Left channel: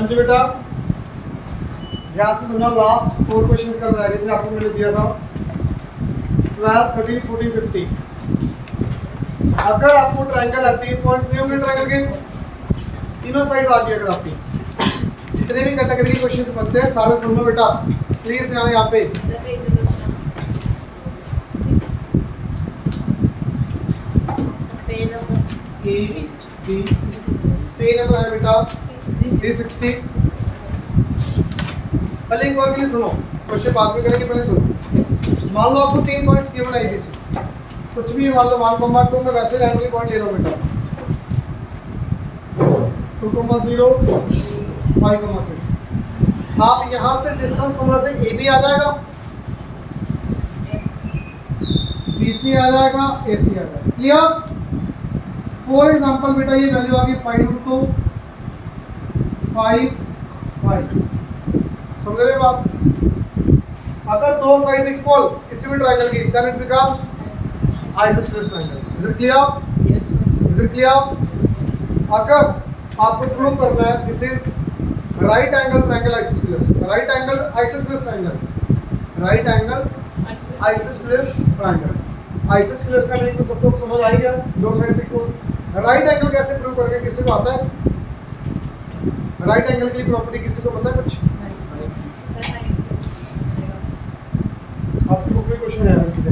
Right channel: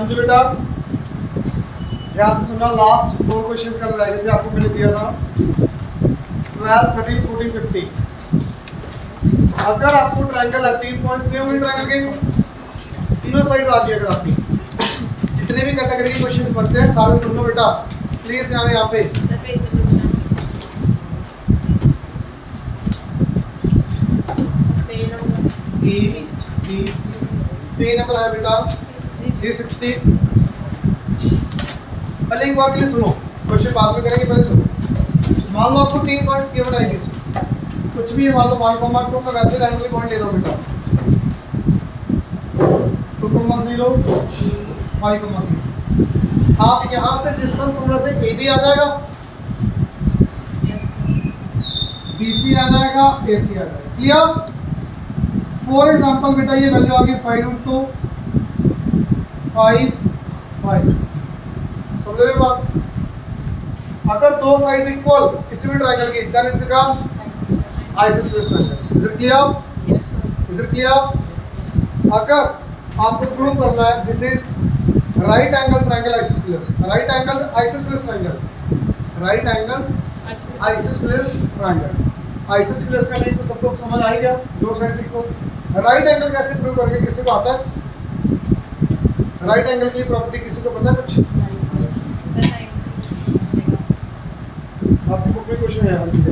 हाँ जी बेटा, ध्यान से सुनना, लास्ट 4 क्वेश्चंस कर रहे थे आपको मैंने दिया था 12, 13, 14, 15। अगर आपको ट्रायंगल है, 3 पॉइंट्स दिए होंगे ट्रायंगल के, तीनों साइड आ गई। अगर आपकी जितने भी कैटेगरी के क्वेश्चंस बनते हैं सारे सुन लो बेटा, प्लीज ध्यान यहाँ पे। पे नंबर है बेटा 360। पहले एक बार के लिए सुनो, क्वेश्चन बाद में करेंगे, पहले सुनो। मान लो आपको 3 पॉइंट्स गिवन है ABC, कुछ भी मान लो 1,2 का वैसे रैंडमली पॉइंट ले लो बेटा, 2,0, 5,6। आप यहाँ से डिस्टेंस फॉर्मूला से AB आ जाएगा, BC आ जाएगा, AC आ जाएगा। क्लियर? फॉर एग्जाम्पल बेटा ये वैल्यू आ गई 5√2, 5, 5। समझ रहे हो बात? अगर दो साइड्स इक्वल किसी भी ट्रायंगल की, then it becomes isosceles triangle. Is it clear? Yes, sir. Is it clear? अगर आपको प्रूव करना है this is right angle triangle isosceles, right angle isosceles triangle, right angle isosceles triangle. Isosceles का meaning तो सबको समझ आ ही गया, दो साइड इक्वल। राइट एंगल कैसे प्रूव करेंगे, किसी को आता है? राइट एंगल की प्रॉपर्टी किसी को पता है कुछ? आपकी बुक में क्वेश्चन है वेरी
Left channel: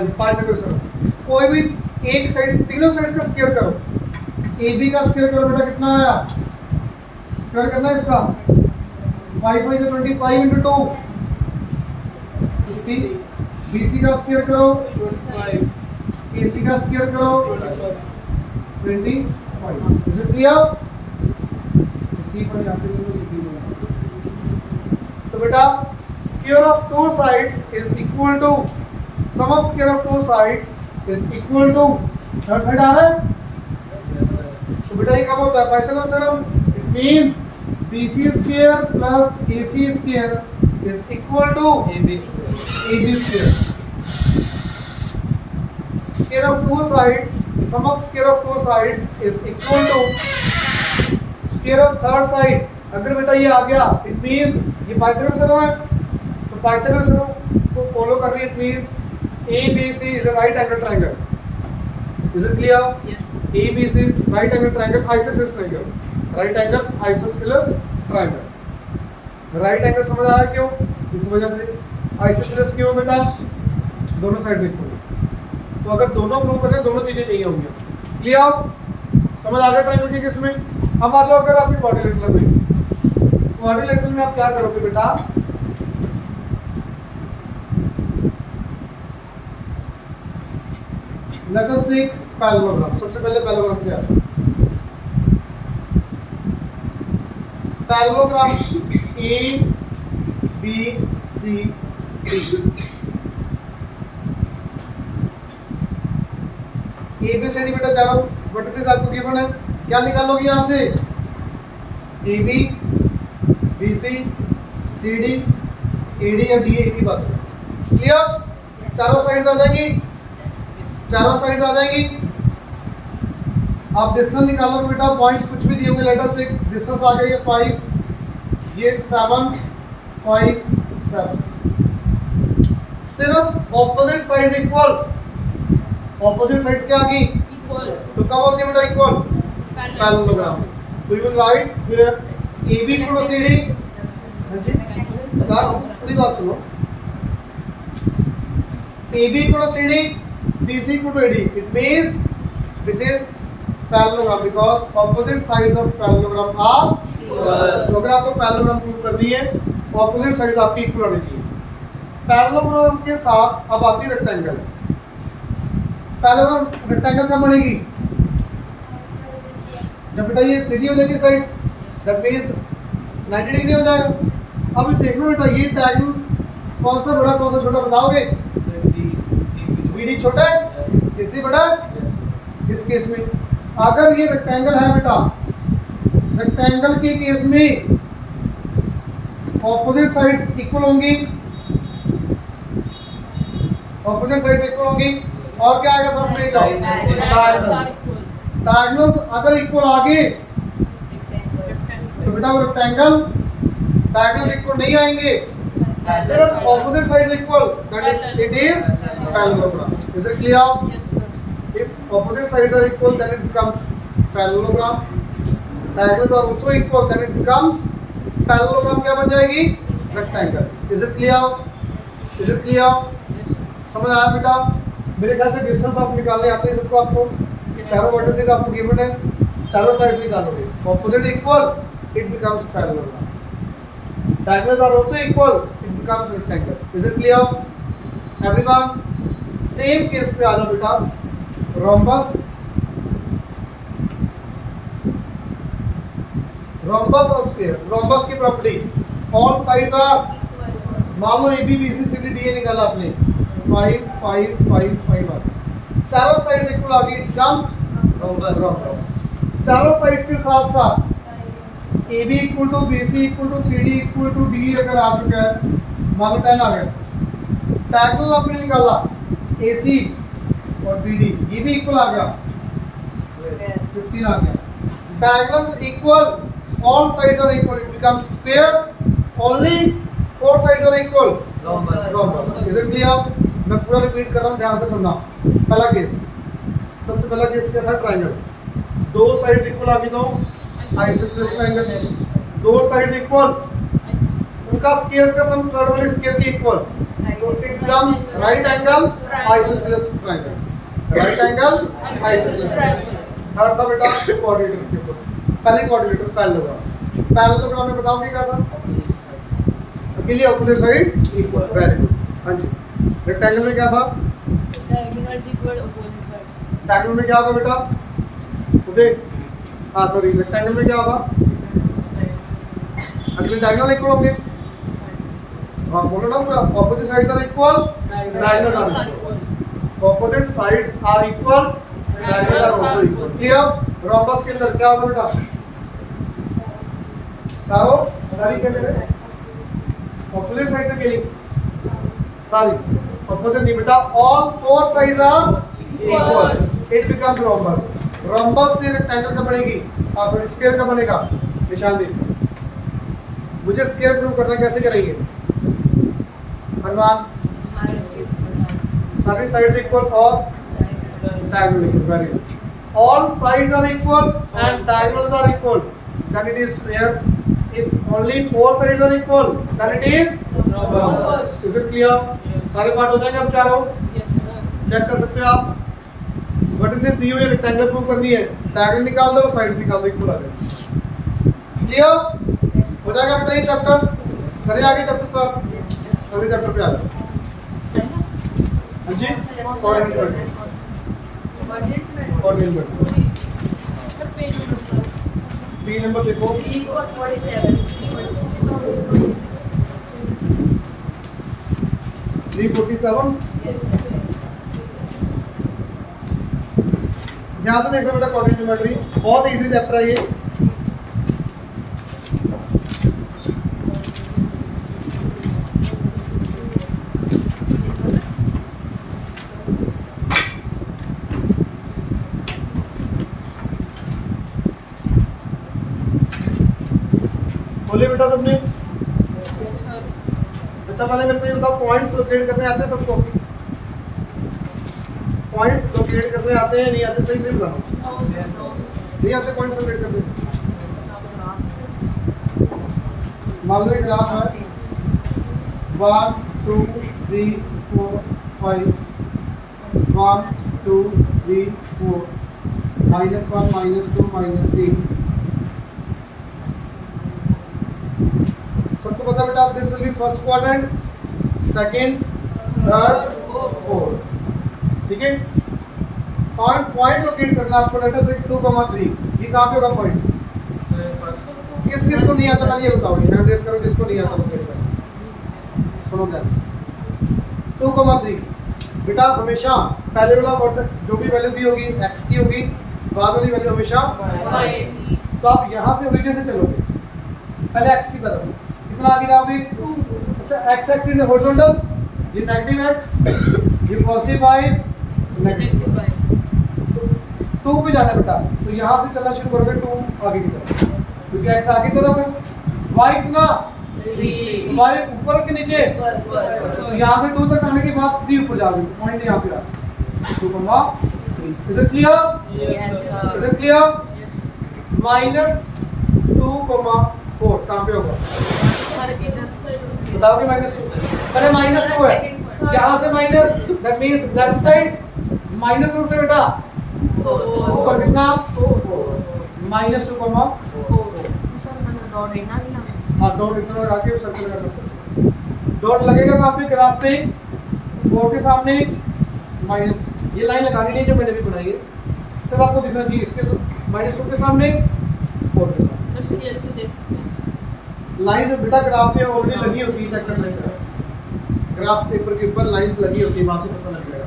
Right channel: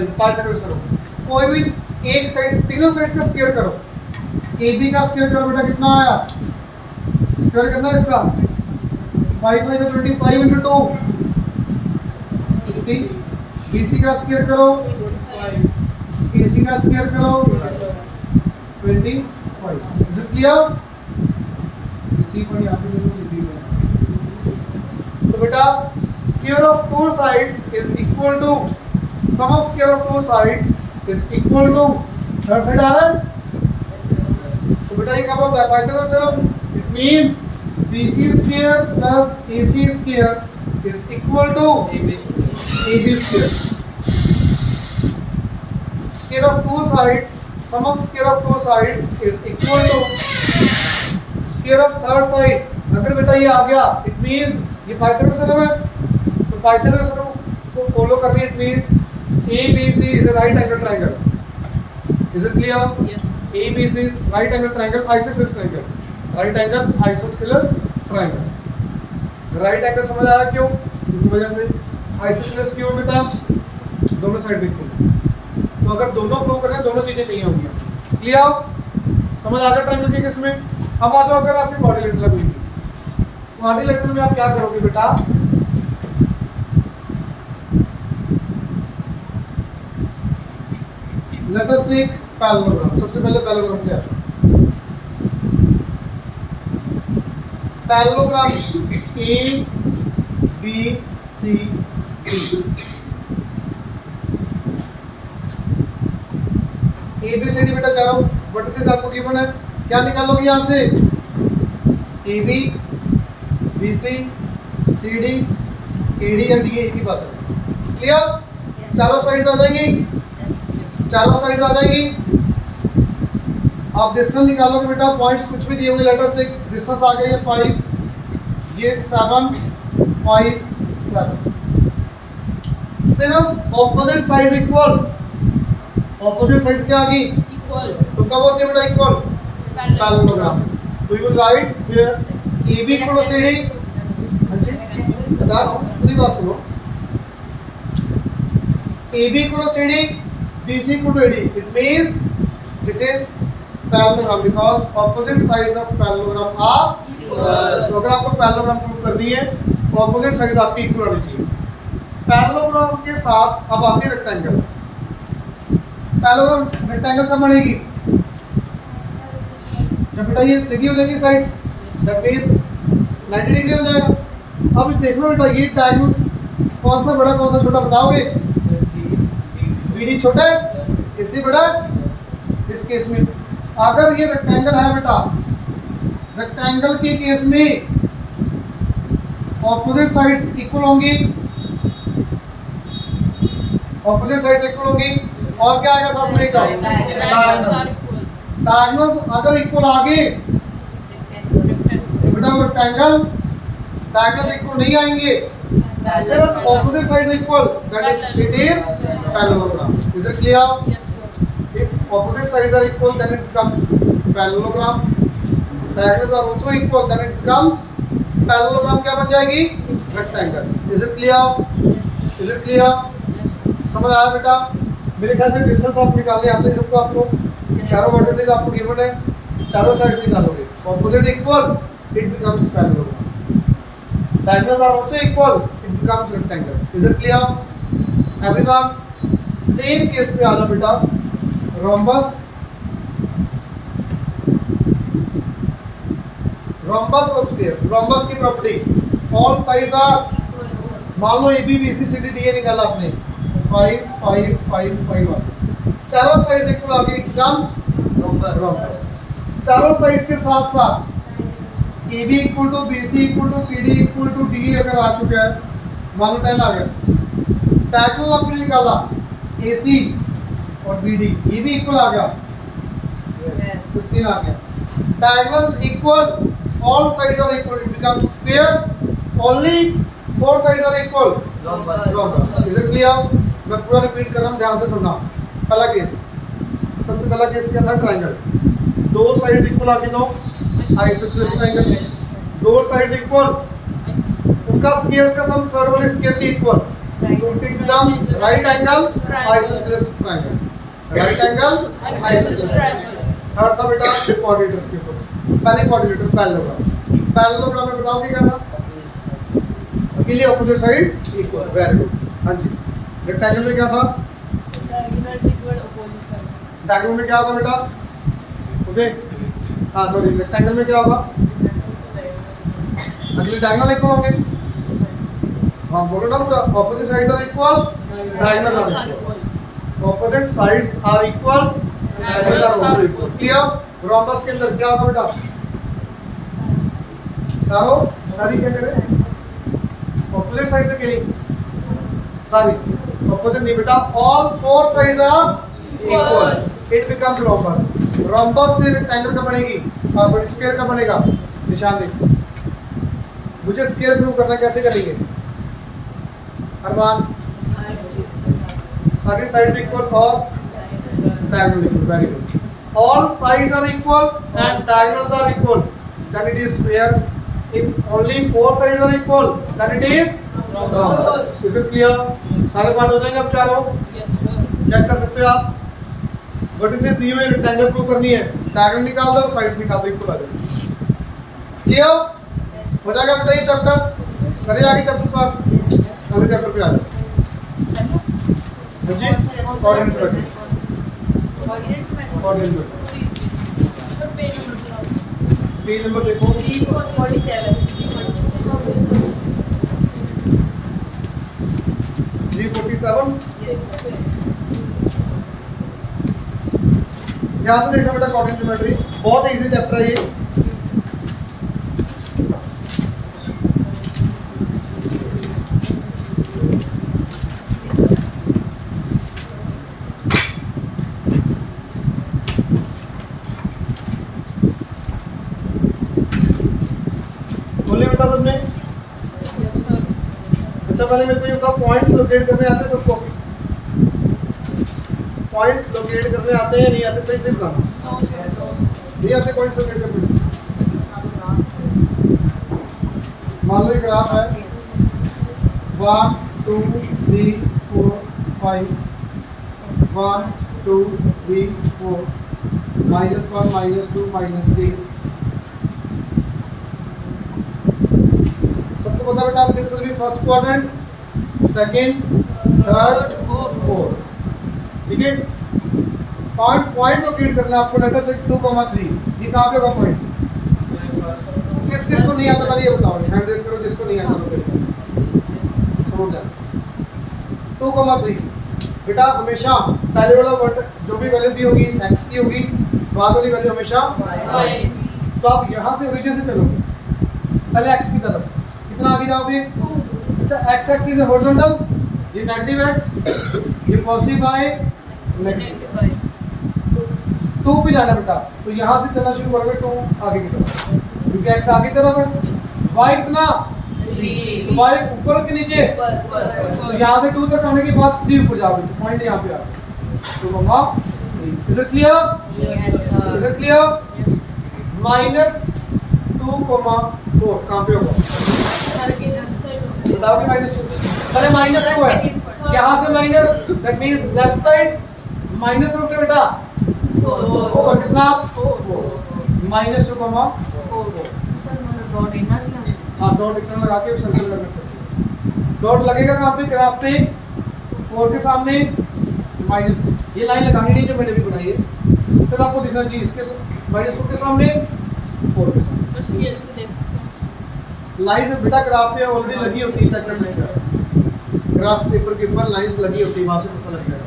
गुड। पाइथागोरस करो, कोई भी एक साइड, तीनों साइड्स का स्क्वायर करो। AB का स्क्वायर करो बेटा, कितना आया? स्क्वायर करना है इसका, 5 5 से 25 into 2 50। BC का स्क्वायर करो, AC का स्क्वायर करो 25। Is it clear? इसी पर यहाँ पे तो बेटा square of two sides is equal to sum of square of two sides is equal to third side आ रहा है। तो बेटा ये कब होता है? Pythagoras theorem. It means BC square plus AC square is equal to AB square। Square of two sides, sum of square of two sides is equal to square of third side। अगर बेटा ये आ गया, it means ये Pythagoras theorem है, तो Pythagoras theorem को follow कर रही है। It means ABC is a right angle triangle। Is it clear? Yes. ABC is right angle triangle, isosceles triangle, right angle isosceles triangle। Right angle समझ आया क्यों? इस वजह से। आइसोसेलेस क्यों बेटा? दोनों साइड इक्वल। तो अगर दोनों प्रूव करते हैं, दोनों चीजें चाहिए होंगी। क्लियर? समझ आ गया ट्रायंगल की किस में? अब आ जाओ, अगर आपकी क्वाड्रिलेटरल है कोई, क्वाड्रिलेटरल में आप क्या करोगे बेटा? Let us take parallelogram. सबसे पहले पैरेललोग्राम क्या है? Parallelogram ABCD। ABCD बेटा चारों वर्टिसेस आपको गिवन है, क्या निकालोगे यहाँ से? AB, BC, CD, AD या DA, एक ही बात है। क्लियर? चारों साइड्स आ जाएंगी, चारों साइड्स आ जाएगी। आप डिस्टेंस निकालोगे बेटा, पॉइंट्स कुछ भी दिए होंगे, लेटर से डिस्टेंस आ गई है 5, ये 7, 5, 7। सिर्फ opposite sides equal, opposite sides क्या आ गई? Equal. तो कब होती है बेटा इक्वल? पैरेललोग्राम। तो you will write here AB equal to CD। हां जी बता रहा हूं, पूरी बात सुनो। AB equal to CD, BC equal to AD। It means this is parallelogram because opposite sides of parallelogram are equal. तो अगर आपको पैरेललोग्राम प्रूव करनी है, ऑपोजिट साइड्स आपकी इक्वल होनी चाहिए। पैरेललोग्राम के साथ अब आती है रेक्टेंगल। पैरेललोग्राम रेक्टेंगल कब बनेगी? जब बेटा ये सीधी हो जाएगी साइड्स, दैट मींस 90 डिग्री हो जाएगा। अब देखो बेटा, ये डायगोनल कौन सा बड़ा कौन सा छोटा बताओगे? BD छोटा है, AC बड़ा है। इस केस में अगर ये रेक्टेंगल है बेटा, रेक्टेंगल के केस में ऑपोजिट साइड्स इक्वल होंगी, ऑपोजिट साइड्स इक्वल होंगी। और क्या आएगा साथ में? डायगोनल्स। डायगोनल्स अगर इक्वल आगे बेटा रेक्टेंगल डायगोनल्स इक्वल नहीं आएंगे, सिर्फ opposite sides equal, that it is parallelogram. Is it clear? Yes, sir. If opposite sides are equal, then it becomes parallelogram. Diagonals are also equal, then it becomes parallelogram. क्या बन जाएगी? Rectangle. Is it clear? Yes. Is it clear? Yes, sir. समझ आया बेटा? मेरे ख्याल से distance आप निकालने आते हैं सबको, आपको चारों वर्टिसेस आपको गिवन है, चारों साइड्स निकालोगे, opposite equal, it becomes parallelogram. Diagonals are also equal, it becomes rectangle. Is it clear everyone? Same case पे आ जाओ बेटा, रोम्बस, रोम्बस और स्फीयर। रोम्बस की प्रॉपर्टी, ऑल साइड्स आर, मान लो A B B C C D D A निकाला आपने, 5 5 5 5 1, चारों साइड्स इक्वल आ गई, इट बिकम्स रोम्बस। चारों साइड्स के साथ साथ A B equal to B C equal to C D equal to D अगर आ चुका है, मान लो 10 आ गया, डायगोनल आपने निकाला ए सी और बी डी, ये भी इक्वल आ गया, 15 आ गया, diagonals equal, all sides are equal, it becomes sphere, only 4 sides are equal, rhombus. Is it clear? मैं पूरा रिपीट कर रहा हूँ, ध्यान से सुनना। पहला केस, सबसे पहला केस क्या था? ट्रायंगल, दो साइड्स इक्वल आगे दो, आइसोस्सेलेस ट्रायंगल, दो साइड्स इक्वल, उनका स्क्वायर्स का सम थर्ड वाले स्क्वायर के इक्वल, तो it becomes right angle isosceles triangle, right angle isosceles triangle. Third था बेटा कोऑर्डिनेटर्स के ऊपर, पहले कोऑर्डिनेटर पैरेललोग्राम। पैरेललोग्राम में बताओ क्या था? अकेले opposite sides equal, very good. हाँ जी, रेक्टेंगल में क्या था? Diagonals equal opposite sides. Diagonal में क्या होगा बेटा? ओके, हाँ सॉरी, रेक्टेंगल में क्या होगा? अगले डायगोनल इक्वल होंगे, हाँ बोलो ना पूरा, opposite sides are equal, diagonals are equal, opposite sides are equal, diagonals are also equal. Clear? Rhombus के अंदर क्या होगा बेटा? सारी क्या करें? ऑपोजिट साइड से के सारी ऑपोजिट नहीं बेटा, all 4 sides are equal, it becomes rhombus. Rhombus से रेक्टेंगल का बनेगी, हाँ सॉरी स्फीयर का बनेगा, निशान देखो। मुझे स्फीयर प्रूव करना है, कैसे करेंगे? अरमान, सारी साइड्स इक्वल और diagonal equal, very good. All sides are equal and diagonals are equal, then it is sphere. If only 4 sides are equal, then it is rhombus. Is it clear? सारे part हो जाएंगे अब चारों, Yes, sir. Check कर सकते हो आप। Vertices दी हुई रेक्टेंगल प्रूव करनी है, डायगोनल निकाल दो, साइड्स निकाल दो, इक्वल आ जाएगा। क्लियर हो जाएगा बेटा ये चैप्टर? करें आगे चैप्टर स्टार्ट, अगले चैप्टर पे आ जाओ। हाँ जी, coordinate coordinate Sir, page number बताओ। 3 नंबर देखो, 347. 347। Yes. ध्यान से देखो बेटा, कोऑर्डिनेट ज्योमेट्री बहुत इजी चैप्टर है ये। बोलिए बेटा सबने। Yes, sir. अच्छा पहले मेरे को ये बताओ, पॉइंट्स लोकेट करने आते हैं सबको? पॉइंट्स लोकेट करने आते हैं नहीं आते? सही से बताओ। No, sir. No. नहीं आते पॉइंट्स लोकेट करने? मान लो एक ग्राफ है, 1 2 3 4 5, 1 2 3 4, -1 -2 -3। सबको पता बेटा, this will be first quadrant, second, third, fourth. ठीक है, पॉइंट लोकेट करना आपको, लेटर से 2,3, ये कहाँ पे होगा पॉइंट? किस किस को नहीं आता पहले ये बताओ, हैंड रेज करो जिसको नहीं आता लोकेट करना। सुनो ध्यान से, 2,3 बेटा हमेशा पहले वाला वर्ड जो भी वैल्यू दी होगी x की होगी, बाद वाली वैल्यू हमेशा y। तो आप यहाँ से ओरिजिन से चलोगे, पहले x की तरफ कितना आगे जाओगे? अच्छा, x एक्सिस है हॉरिजॉन्टल, ये नेगेटिव x, ये पॉजिटिव y, नेगेटिव। 2 पे जाना बेटा, तो यहाँ से चलना शुरू करोगे 2 आगे की तरफ, क्योंकि x आगे की तरफ है। y कितना, y ऊपर के नीचे, तो यहाँ से 2 तक आने के बाद 3 ऊपर जाओगे, पॉइंट यहाँ पे आ 2,3। Is it clear? Is it clear? -2,4 कहाँ पे होगा, बताओगे? -2 पहले -2 है, यहाँ से minus, that means left side minus से बेटा ऊपर कितना, -2,4। हाँ, डॉट इतना लगा के सर्कल में कर सकते हो। डॉट लगेगा कहाँ पे, ग्राफ पे 4 के सामने माइनस, ये लाइन लगानी नहीं जो मैंने भी बनाई है, सिर्फ आपको दिखना चाहिए इसके -2 के सामने 4 के सामने। लाइंस बेटा ग्राफ पे ऑलरेडी लगी होती है, चैप्टर में ग्राफ पेपर के ऊपर लाइंस लगी होती है, वहां से पता लग जाएगा।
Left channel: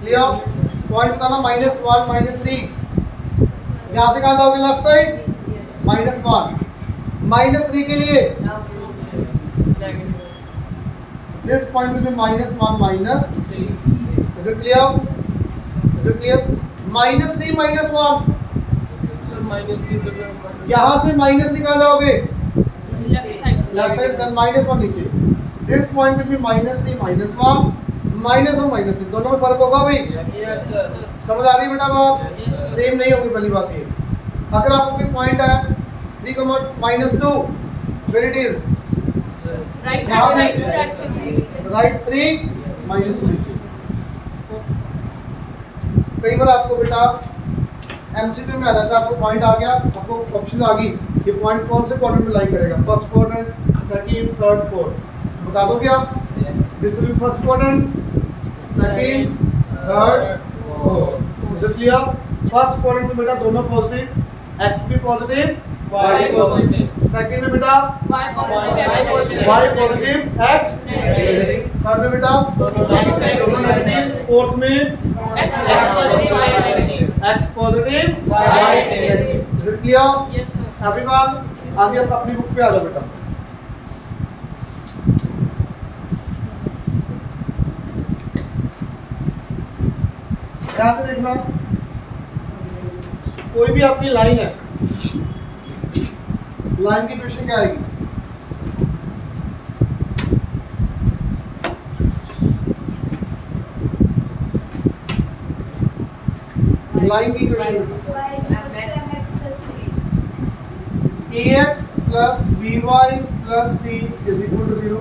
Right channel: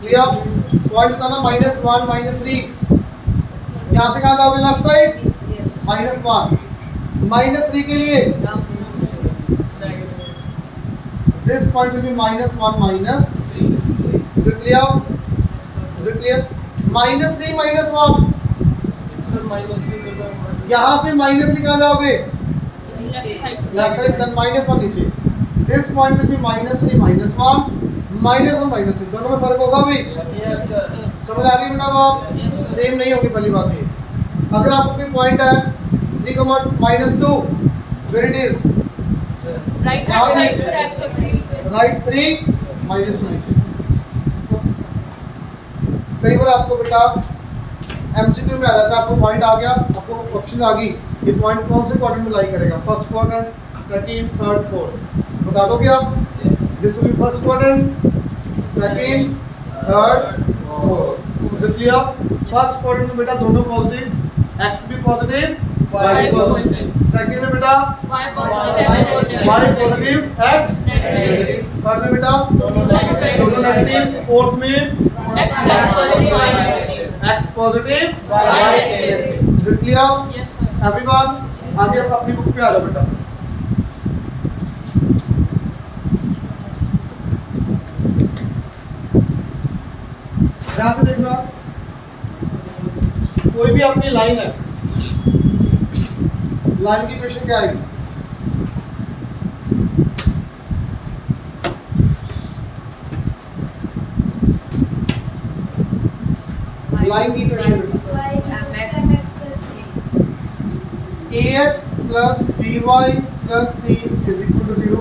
क्लियर? पॉइंट बताना -1 -3, यहाँ से कहाँ जाओगे, लेफ्ट साइड -1 -3 के लिए this point will be -1 -3। Is it clear? Is it clear? -3 -1, यहाँ से -3 कहाँ जाओगे, लेफ्ट साइड, देन -1 नीचे। दिस पॉइंट विल बी -3 -1 -1 -3, दोनों में फर्क होगा भाई? समझ आ रही है बेटा बात? सेम नहीं होगी पहली बात ये। अगर आपको कोई पॉइंट है 3,-2, वेयर इट इज राइट 3 -2। कई बार आपको बेटा एमसीक्यू में आ जाता है, आपको पॉइंट आ गया, आपको ऑप्शन आ गई, ये पॉइंट कौन से क्वाड्रेंट में लाई करेगा, first quadrant, second, third, fourth, बता दोगे आप? This will be first quadrant, second, third, fourth. Is it clear? First quadrant में बेटा दोनों पॉजिटिव, x भी पॉजिटिव, y भी पॉजिटिव। सेकंड में बेटा y positive, x negative. Third में बेटा दोनों नेगेटिव, फोर्थ में x positive, y negative. Is it clear? Everyone, आगे आप अपनी बुक पे आ जाओ बेटा। ध्यान से देखना, कोई भी आपकी लाइन है, लाइन की क्वेश्चन क्या आएगी, लाइन की question ax plus by plus c is equal to 0।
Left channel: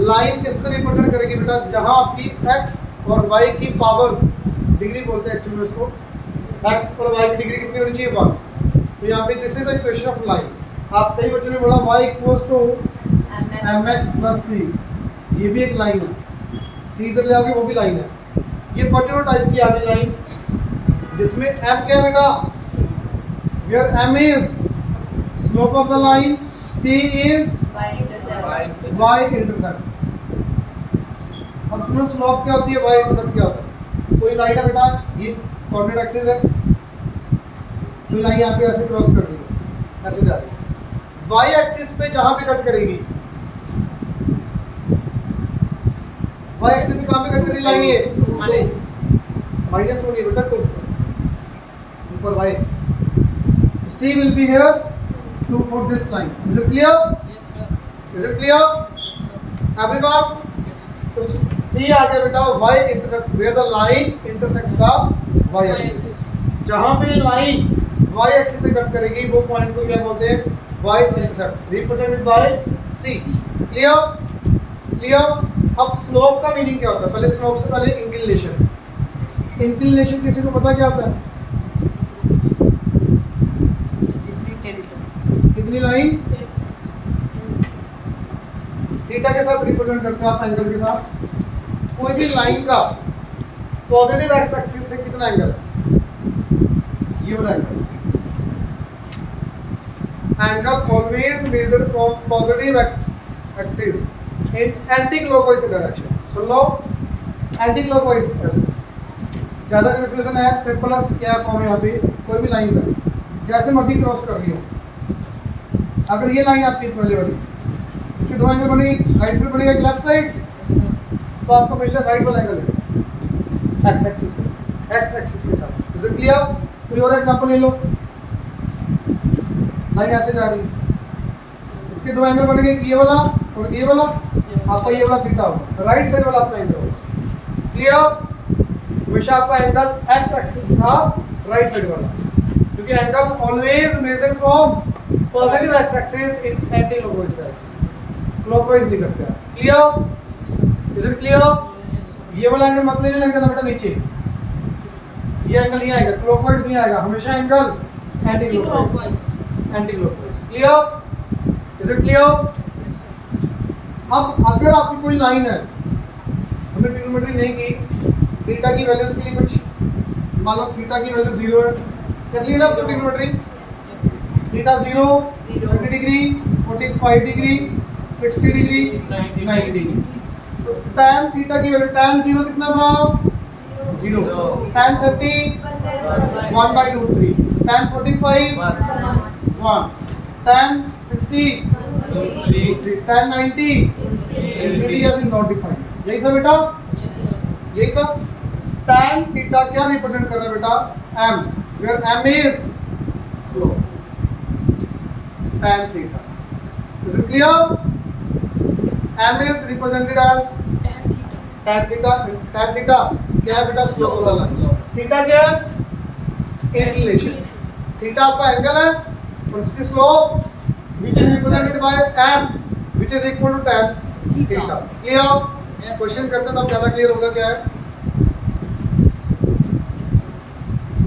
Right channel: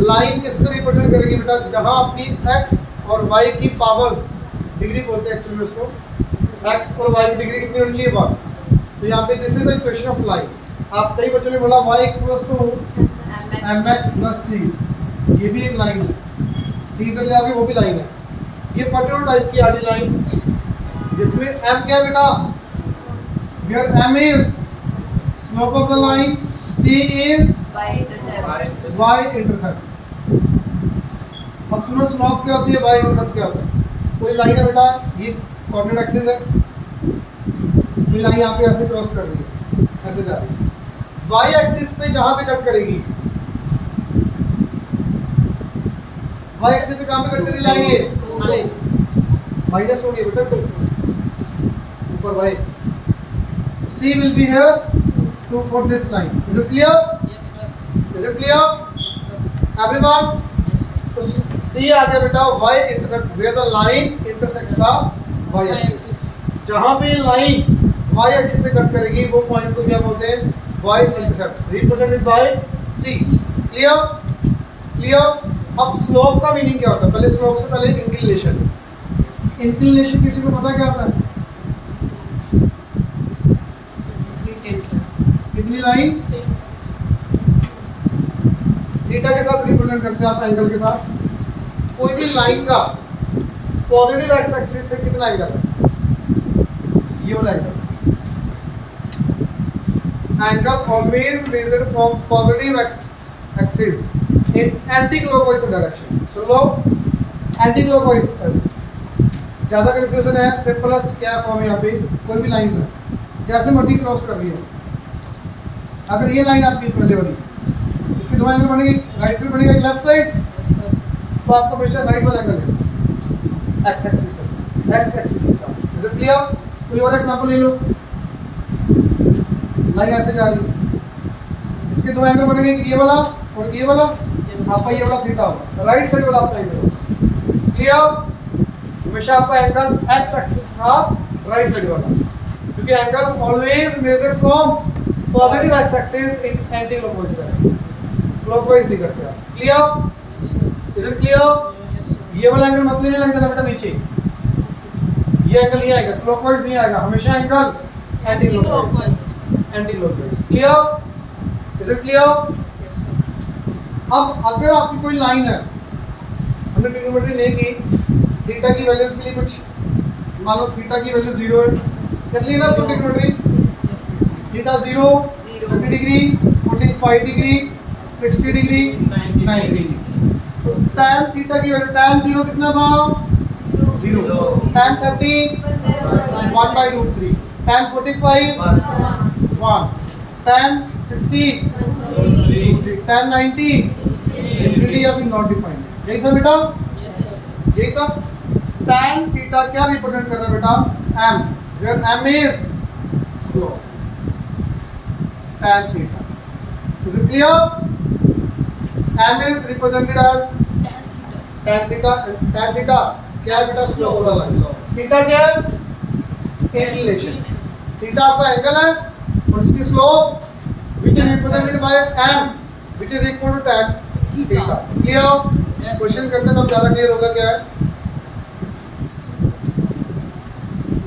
Line किसको रिप्रेजेंट करेगी बेटा, जहां आपकी x और y की पावर्स, डिग्री बोलते हैं एक्चुअली इसको, x और y की डिग्री कितनी होनी चाहिए, 1। तो यहाँ पे this is a equation of line. आप कई बच्चों ने बोला y equals to mx plus 3, ये भी एक लाइन है, c इधर ले आओगे वो भी लाइन है। ये पर्टिकुलर टाइप की आगे लाइन जिसमें m क्या है बेटा, where m is slope of the line, c is y intercept. अब सुनो, स्लोप क्या होती है, y इंटरसेप्ट क्या होता है। कोई लाइन है बेटा, ये कोऑर्डिनेट एक्सिस है, कोई लाइन यहाँ पे ऐसे क्रॉस कर रही है, ऐसे जा रही है, y एक्सिस पे जहां पे कट करेगी, y एक्सिस पे कहां पे कट करेगी लाइन, ये -2 है बेटा, ऊपर y, c will be here 2 for this line। is it clear? is it clear everyone? तो c आ गया बेटा y intersect, where the line intersects the y axis। जहां पे लाइन y एक्सिस पे कट करेगी वो पॉइंट को क्या बोलते हैं, y intercept, represented by c। Clear? Clear? अब स्लोप का मीनिंग क्या होता है, पहले स्लोप से पहले इंक्लिनेशन। इंक्लिनेशन किसी को पता क्या होता है, कितनी लाइन थीटा के साथ रिप्रेजेंट करते हैं आप, एंगल के साथ। कोई भी लाइन का पॉजिटिव एक्स एक्सिस से कितना एंगल है, ये वाला angle. Angle always measured from positive x axis in anti clockwise direction. Soon low, anti clockwise ऐसे ज़्यादा कंफ्यूजन है, सिंपलेस्ट क्या फॉर्म है यहाँ पे, कोई भी लाइन है जैसे मर्जी क्रॉस कर रही हो, अगर ये लाइन आपकी पहले वाली, इसके दो एंगल बनेगी, राइट साइड बनेगा लेफ्ट साइड, तो आपका हमेशा राइट वाला एंगल है एक्स एक्सिस से। एक्स एक्सिस के साथ। Is it clear? कोई और एग्जांपल ले लो। लाइन ऐसे जा रही है, इसके दो एंगल बनेंगे, ये वाला और ये वाला। आपका ये वाला थीटा होगा, राइट साइड वाला आपका एंगल होगा। क्लियर? हमेशा आपका एंगल एक्स एक्सिस के साथ राइट साइड वाला, क्योंकि angle always measure from positive x axis in anti clockwise direction, clockwise नहीं करते आप। क्लियर? Is it clear? ये वाला एंगल मत लेने लगेगा बेटा नीचे, ये एंगल नहीं आएगा, क्लॉकवाइज नहीं आएगा, हमेशा angle anti clockwise, anti clockwise. Clear? Is it clear? अब अगर आपकी कोई लाइन है, हमने ट्रिग्नोमेट्री नहीं की, थीटा की वैल्यूज के लिए कुछ मान लो थीटा की वैल्यू 0 है, कर ली ना trigonometry. Theta 0 30 degree, 45 degree, 60 degree, 90 degree. तो tan थीटा की वैल्यू, tan 0 कितना था? 0। tan 30 1/√3, tan 45 1, tan 60 tan 90 infinity या फिर नॉट डिफाइंड। यही था बेटा, यही था। tan थीटा क्या रिप्रेजेंट कर रहा है बेटा? m, where m is slope, tan theta। Is it clear? m is represented as tan theta। tan theta क्या है बेटा? स्लोप वाला। थीटा क्या है? इंक्लिनेशन। थीटा आपका एंगल है और उसकी slope which is represented by m, which is equal to tan theta। Clear? Question करते हैं तब ज्यादा क्लियर होगा क्या है।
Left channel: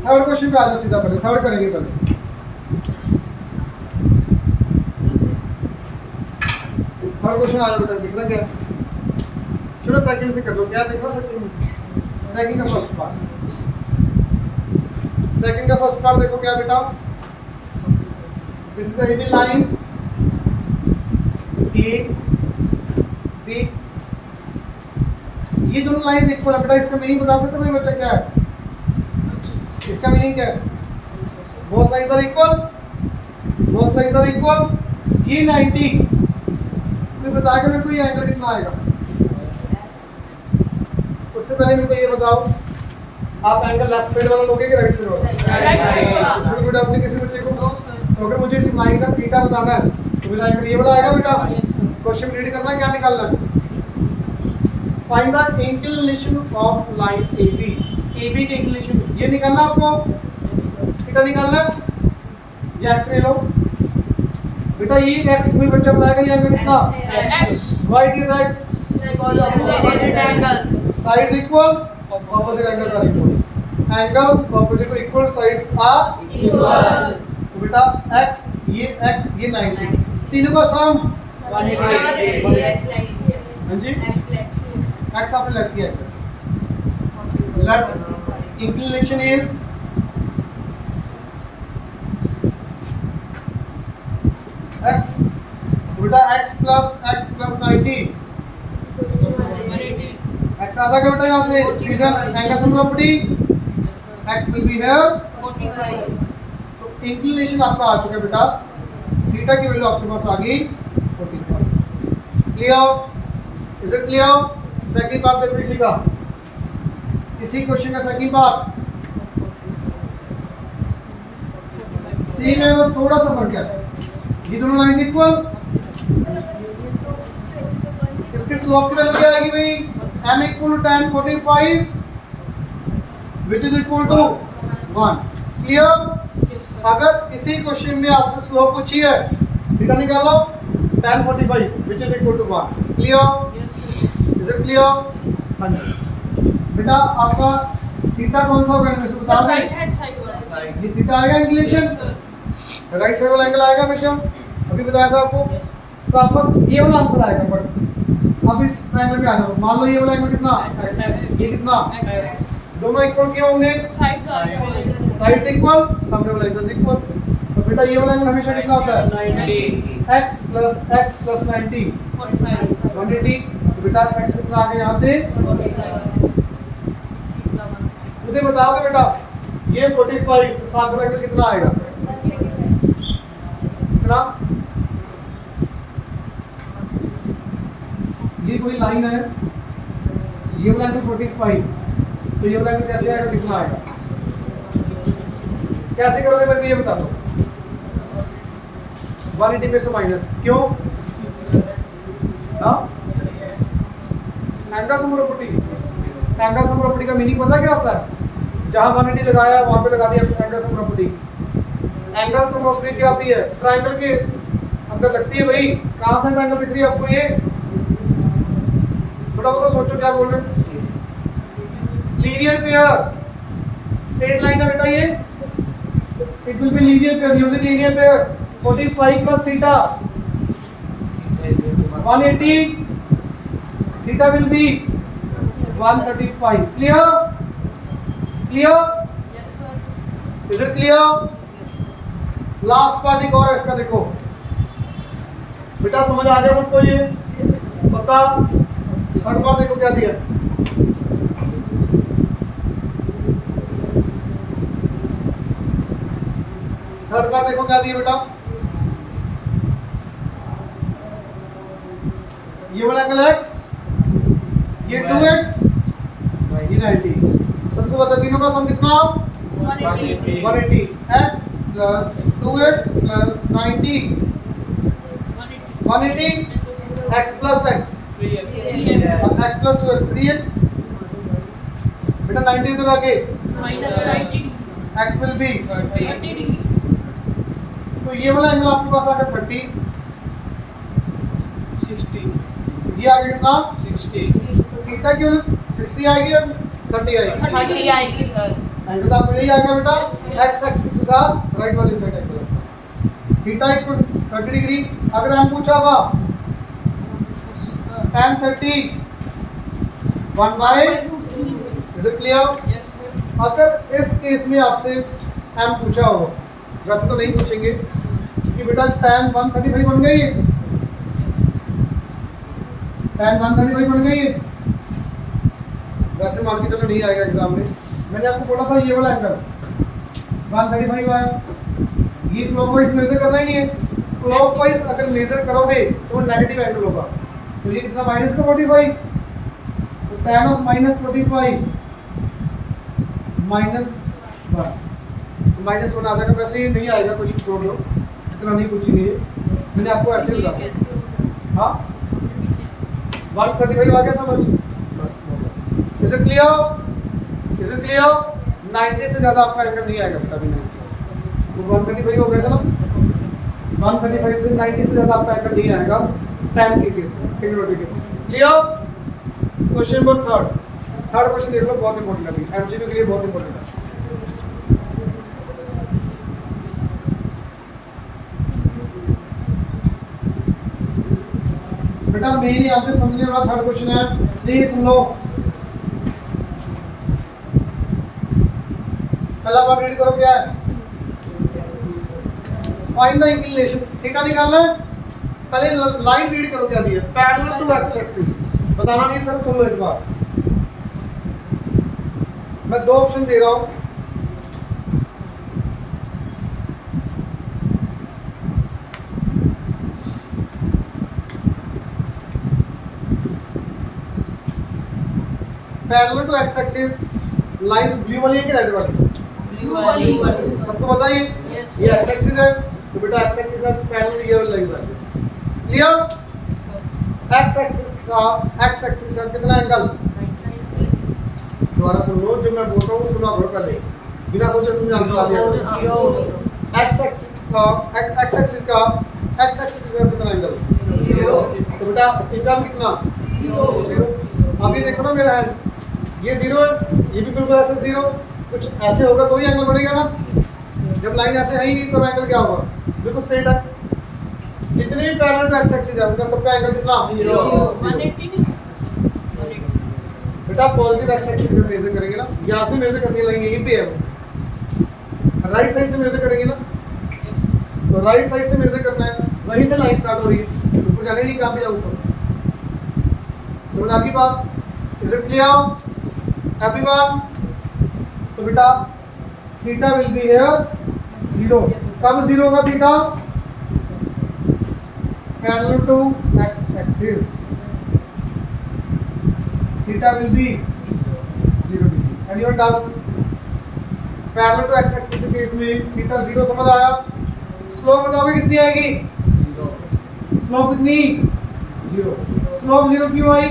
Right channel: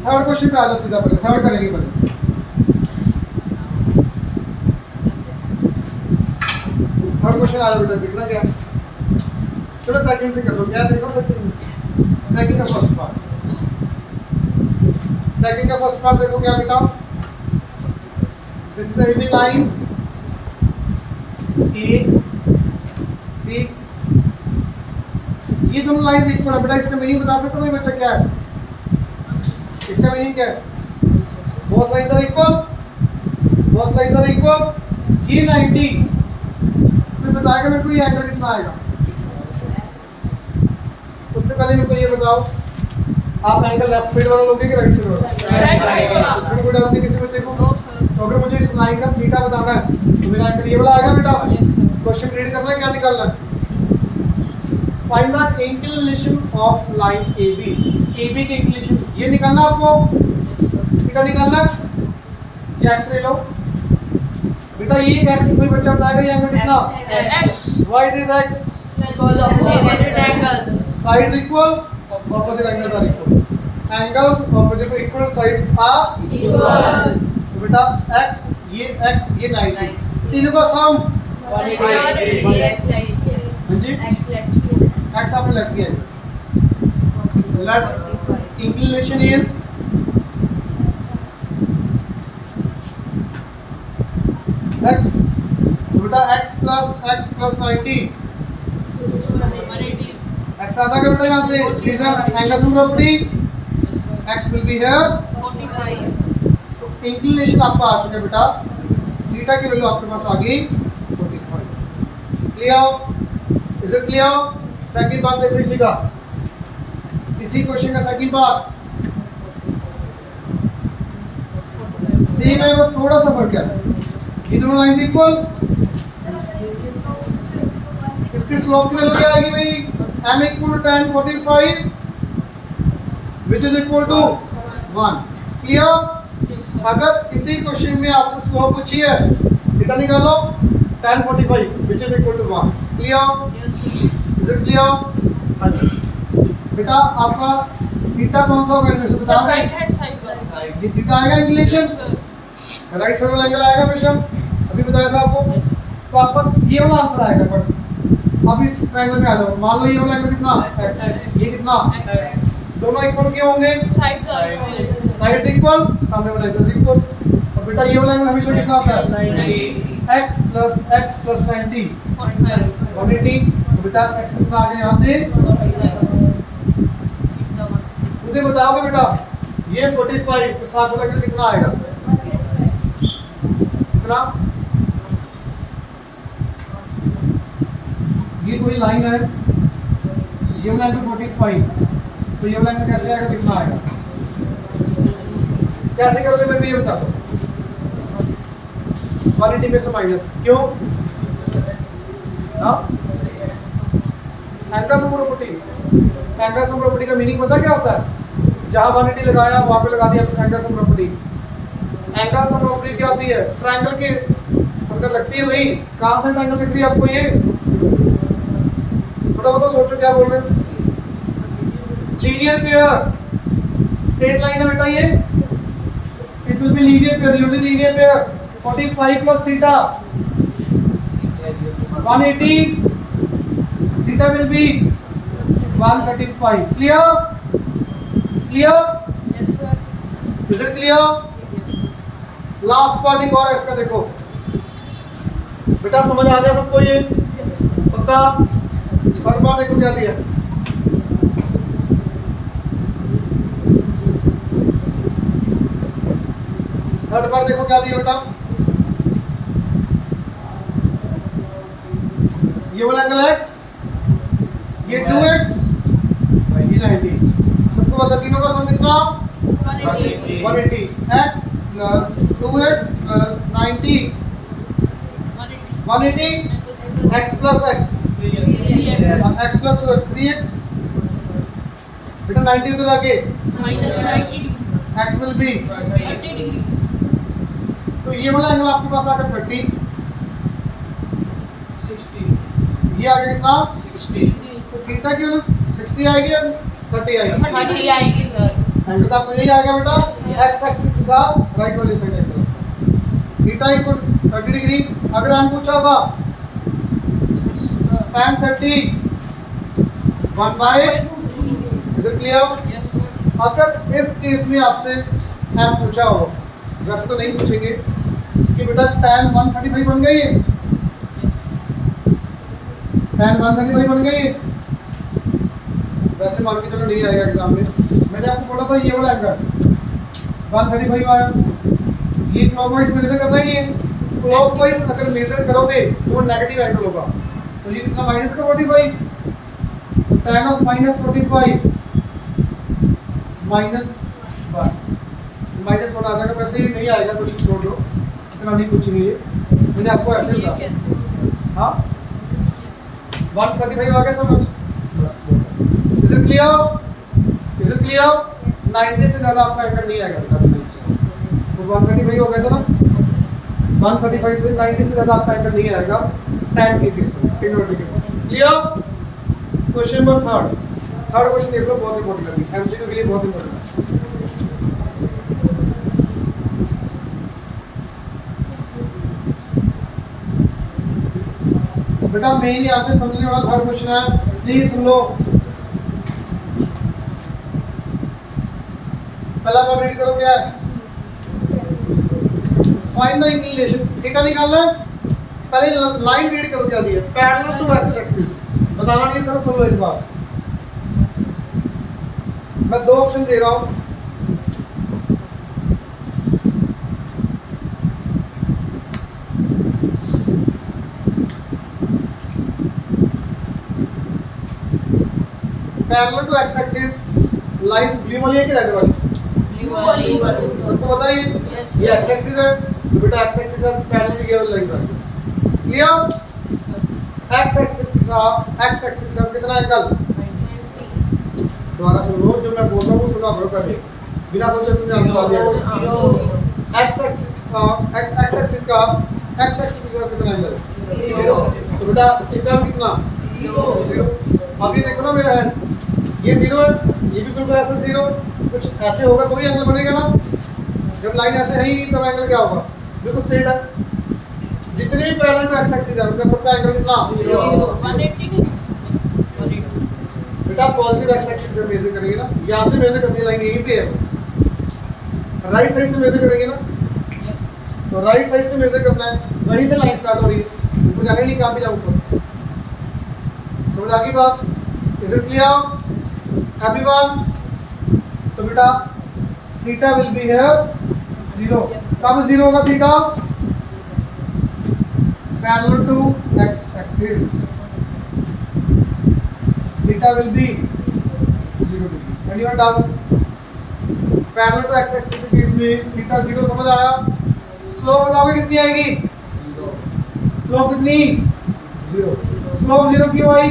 थर्ड क्वेश्चन पे आ जाओ सीधा, पहले थर्ड करेंगे पहले। थर्ड क्वेश्चन आ जाओ बेटा, देखना क्या है। चलो सेकंड से कर लो, क्या देखो सेकंड का फर्स्ट पार्ट। सेकंड का फर्स्ट पार्ट देखो क्या बेटा? This is the AB line A B, ये दोनों लाइंस इक्वल है बेटा। इसका मीनिंग बता सकते हो भाई बच्चा क्या है? इसका मीनिंग क्या है? Both lines are equal, both lines are equal. ये 90, फिर बताएगा मेरे को ये एंगल कितना आएगा। उससे पहले मेरे को ये बताओ, आप एंगल लेफ्ट साइड वाला लोगे कि राइट साइड वाला? राइट साइड वाला। इसमें कोई डाउट नहीं किसी बच्चे को? तो अगर मुझे इस लाइन का थीटा बताना है तो मेरा एंगल ये वाला आएगा बेटा। क्वेश्चन रीड करना है, क्या निकालना है? Find the inclination of line AB। AB की इंक्लिनेशन ये निकालना आपको, थीटा निकालना है। ये x ले लो बेटा, ये x कोई बच्चा बताएगा ये एंगल कितना? x। Why it is x? Sides equal, opposite angles are equal. Angles opposite to equal, sides are Equal. तो बेटा x ये 90, तीनों का सम 180। हाँ जी, x आपने लेफ्ट किया है। Left inclination is x, तो बेटा x plus 90, x आ जाएगा बेटा यहाँ से। Reason angle sum property, x will be here। तो इंक्लिनेशन आपका आ चुका है बेटा, थीटा की वैल्यू आपके पास आ गई 45। Clear? Is it clear? Second part देखो इसी का, इसी क्वेश्चन का सेकंड पार्ट। सेम है, बस थोड़ा सा फर्क है। ये दोनों लाइंस इक्वल, इसके स्लोप की वैल्यू क्या आएगी भाई? m equal to tan 45 which is equal to 1। Clear? अगर इसी क्वेश्चन में आपसे स्लोप पूछी है, थीटा निकालो, tan 45 which is equal to 1। Clear? Is it clear? हाँ जी बेटा, आपका थीटा कौन सा होगा इनमें से बताओ? ये थीटा आएगा इंक्लिनेशन, राइट साइड वाला एंगल आएगा हमेशा, अभी बताया था आपको। तो आपका ये वाला आंसर आएगा। बट अब इस ट्रायंगल में आ जाओ, मान लो ये वाला एंगल कितना? x, ये कितना? दोनों इक्वल क्यों होंगे? साइड्स इक्वल, सामने वाला एंगल इक्वल। तो बेटा ये वाला एंगल हमेशा कितना होता है? x plus 90 180। तो बेटा x कितना आ गया यहाँ से? मुझे बताओगे बेटा ये 45, तो साथ वाला एंगल कितना आएगा? कितना? ये कोई लाइन है, ये वाला एंगल 45, तो ये वाला एंगल कैसे आएगा, कितना आएगा, कैसे करोगे मेरे को ये बता दो। 180 में से माइनस क्यों, हाँ angle sum property. Angle sum property का मीनिंग पता क्या होता है, जहां 180 लगाया वहां पे लगा दिया angle sum property. Angle sum property क्या होती है, ट्रायंगल के अंदर लगती है भाई। कॉन्स्टेंट एंगल दिख रही है आपको, ये थोड़ा बहुत तो सोचो क्या बोल रहे हैं। लीनियर पेयर स्ट्रेट लाइन है बेटा ये, it will be linear pair using linear pair. 45 plus theta 180, theta will be 135. Clear? Clear? Yes, sir. Is it clear? Last part एक और है इसका, देखो बेटा समझ आ गया सबको ये पक्का। थर्ड पार्ट देखो क्या दिया, थर्ड पार्ट देखो क्या दिया बेटा। ये वाला एंगल x, ये 2x, ये 90। सबको बता तीनों का सम कितना, 180. 180। x plus 2x plus 90 180, x plus x, x plus 2x 3x। बेटा 90 उधर आके Minus 90 degree. x will be, 30 degree. तो ये वाला एंगल आपके पास आ गया 30, 60, ये आ गया कितना 60। तो थीटा की वैल्यू 60 आएगी और 30 आएगी। 30 आएगी सर. एंगल तो आपको यही आ गया बेटा, Yes, x एक्सिस के साथ राइट वाली side angle. Theta equal 30 degree. अगर हम पूछा होगा tan 30 1 by, is it clear. Yes, sir. अगर इस केस में आपसे m पूछा हो, वैसे तो नहीं पूछेंगे कि बेटा tan 135 बन गई है, tan 135 बन गई है, वैसे मान के चलो नहीं आएगा एग्जाम में। मैंने आपको बोला था ये वाला एंगल 135 आया, ये क्लॉकवाइज मेजर करना ही नहीं है। क्लॉकवाइज अगर मेजर करोगे तो वो नेगेटिव एंगल होगा। तो ये कितना माइनस का 45, तो tan of minus 45 minus 1, minus 1 आ जाएगा। वैसे ही नहीं आएगा, क्वेश्चन छोड़ दो, इतना नहीं पूछेंगे ये, मैंने आपको ऐसे ठीक बताया। है. हाँ 135 आ गया समझ, बस is it clear, is it clear. 90 से ज़्यादा आपका एंगल नहीं आएगा बेटा, तो 135 हो गया चलो, 135 से 90 से ज़्यादा आपका एंगल नहीं आएगा tan के केस में, टेक्नोलॉजी के case. Clear. Question number third question देख लो, बहुत इंपॉर्टेंट है, एमसीक्यू के लिए बहुत इंपॉर्टेंट है। बेटा मेन यहाँ पे समझने वाला थर्ड क्वेश्चन है, प्लीज सुन लो। पहला बार रीड करो क्या है, फाइंड द इंक्लिनेशन, थीटा निकालना है। पहले लाइन रीड करो क्या दिया, पैरेलल टू एक्स एक्सिस, बताना नहीं सर, सुनो एक बार। मैं दो ऑप्शन दे रहा हूँ, parallel to x axis, lines blue वाली है कि रेड वाली, Blue वाली. सबको बताइए। Yes, ये yes. एक्स एक्सिस है, तो बेटा एक्स एक्सिस है, पैरेलल ये वाली लाइन है। क्लियर। एक्स एक्सिस के साथ एक्स एक्सिस है कितना एंगल, दोबारा सुन लो, जो मैं बोल रहा हूँ सुना करो पहले, बिना सोचे समझे आंसर आ जाएगा। एक्स एक्सिस का एक्स एक्सिस का एक्स एक्सिस के साथ कितना एंगल, तो बेटा इसका कितना, 0। अब ये देखो ना मेरा हैंड, ये 0 है, ये भी बिल्कुल ऐसे 0, कुछ ऐसे होगा तो ही एंगल बनेगा ना। जब लाइन ऐसे है ही नहीं तब एंगल क्या होगा, बिल्कुल स्ट्रेट है। जितने भी पैरेलल टू एक्स एक्सिस है उनका सबका एंगल कितना, 180. बेटा पॉजिटिव एक्स एक्सिस से मेजर करेंगे ना, यहाँ से मेजर करने लाइन यहीं पे है वो, राइट साइड से मेजर करेंगे ना, तो राइट साइड से मेजर करना है, वहीं से लाइन स्टार्ट हो रही है, ऊपर जाने नहीं, कहाँ पे जाऊँ ऊपर। समझ आ गई बात, इज इट क्लियर एवरीवन। तो बेटा थीटा विल बी हियर 0, कब 0 होगा theta, parallel to x axis, theta will be 0 degree. Anyone doubt? Parallel to x axis के केस में थीटा 0 समझ आया? स्लोप बताओगे कितनी आएगी? स्लोप कितनी? 0। स्लोप 0 क्यों आई?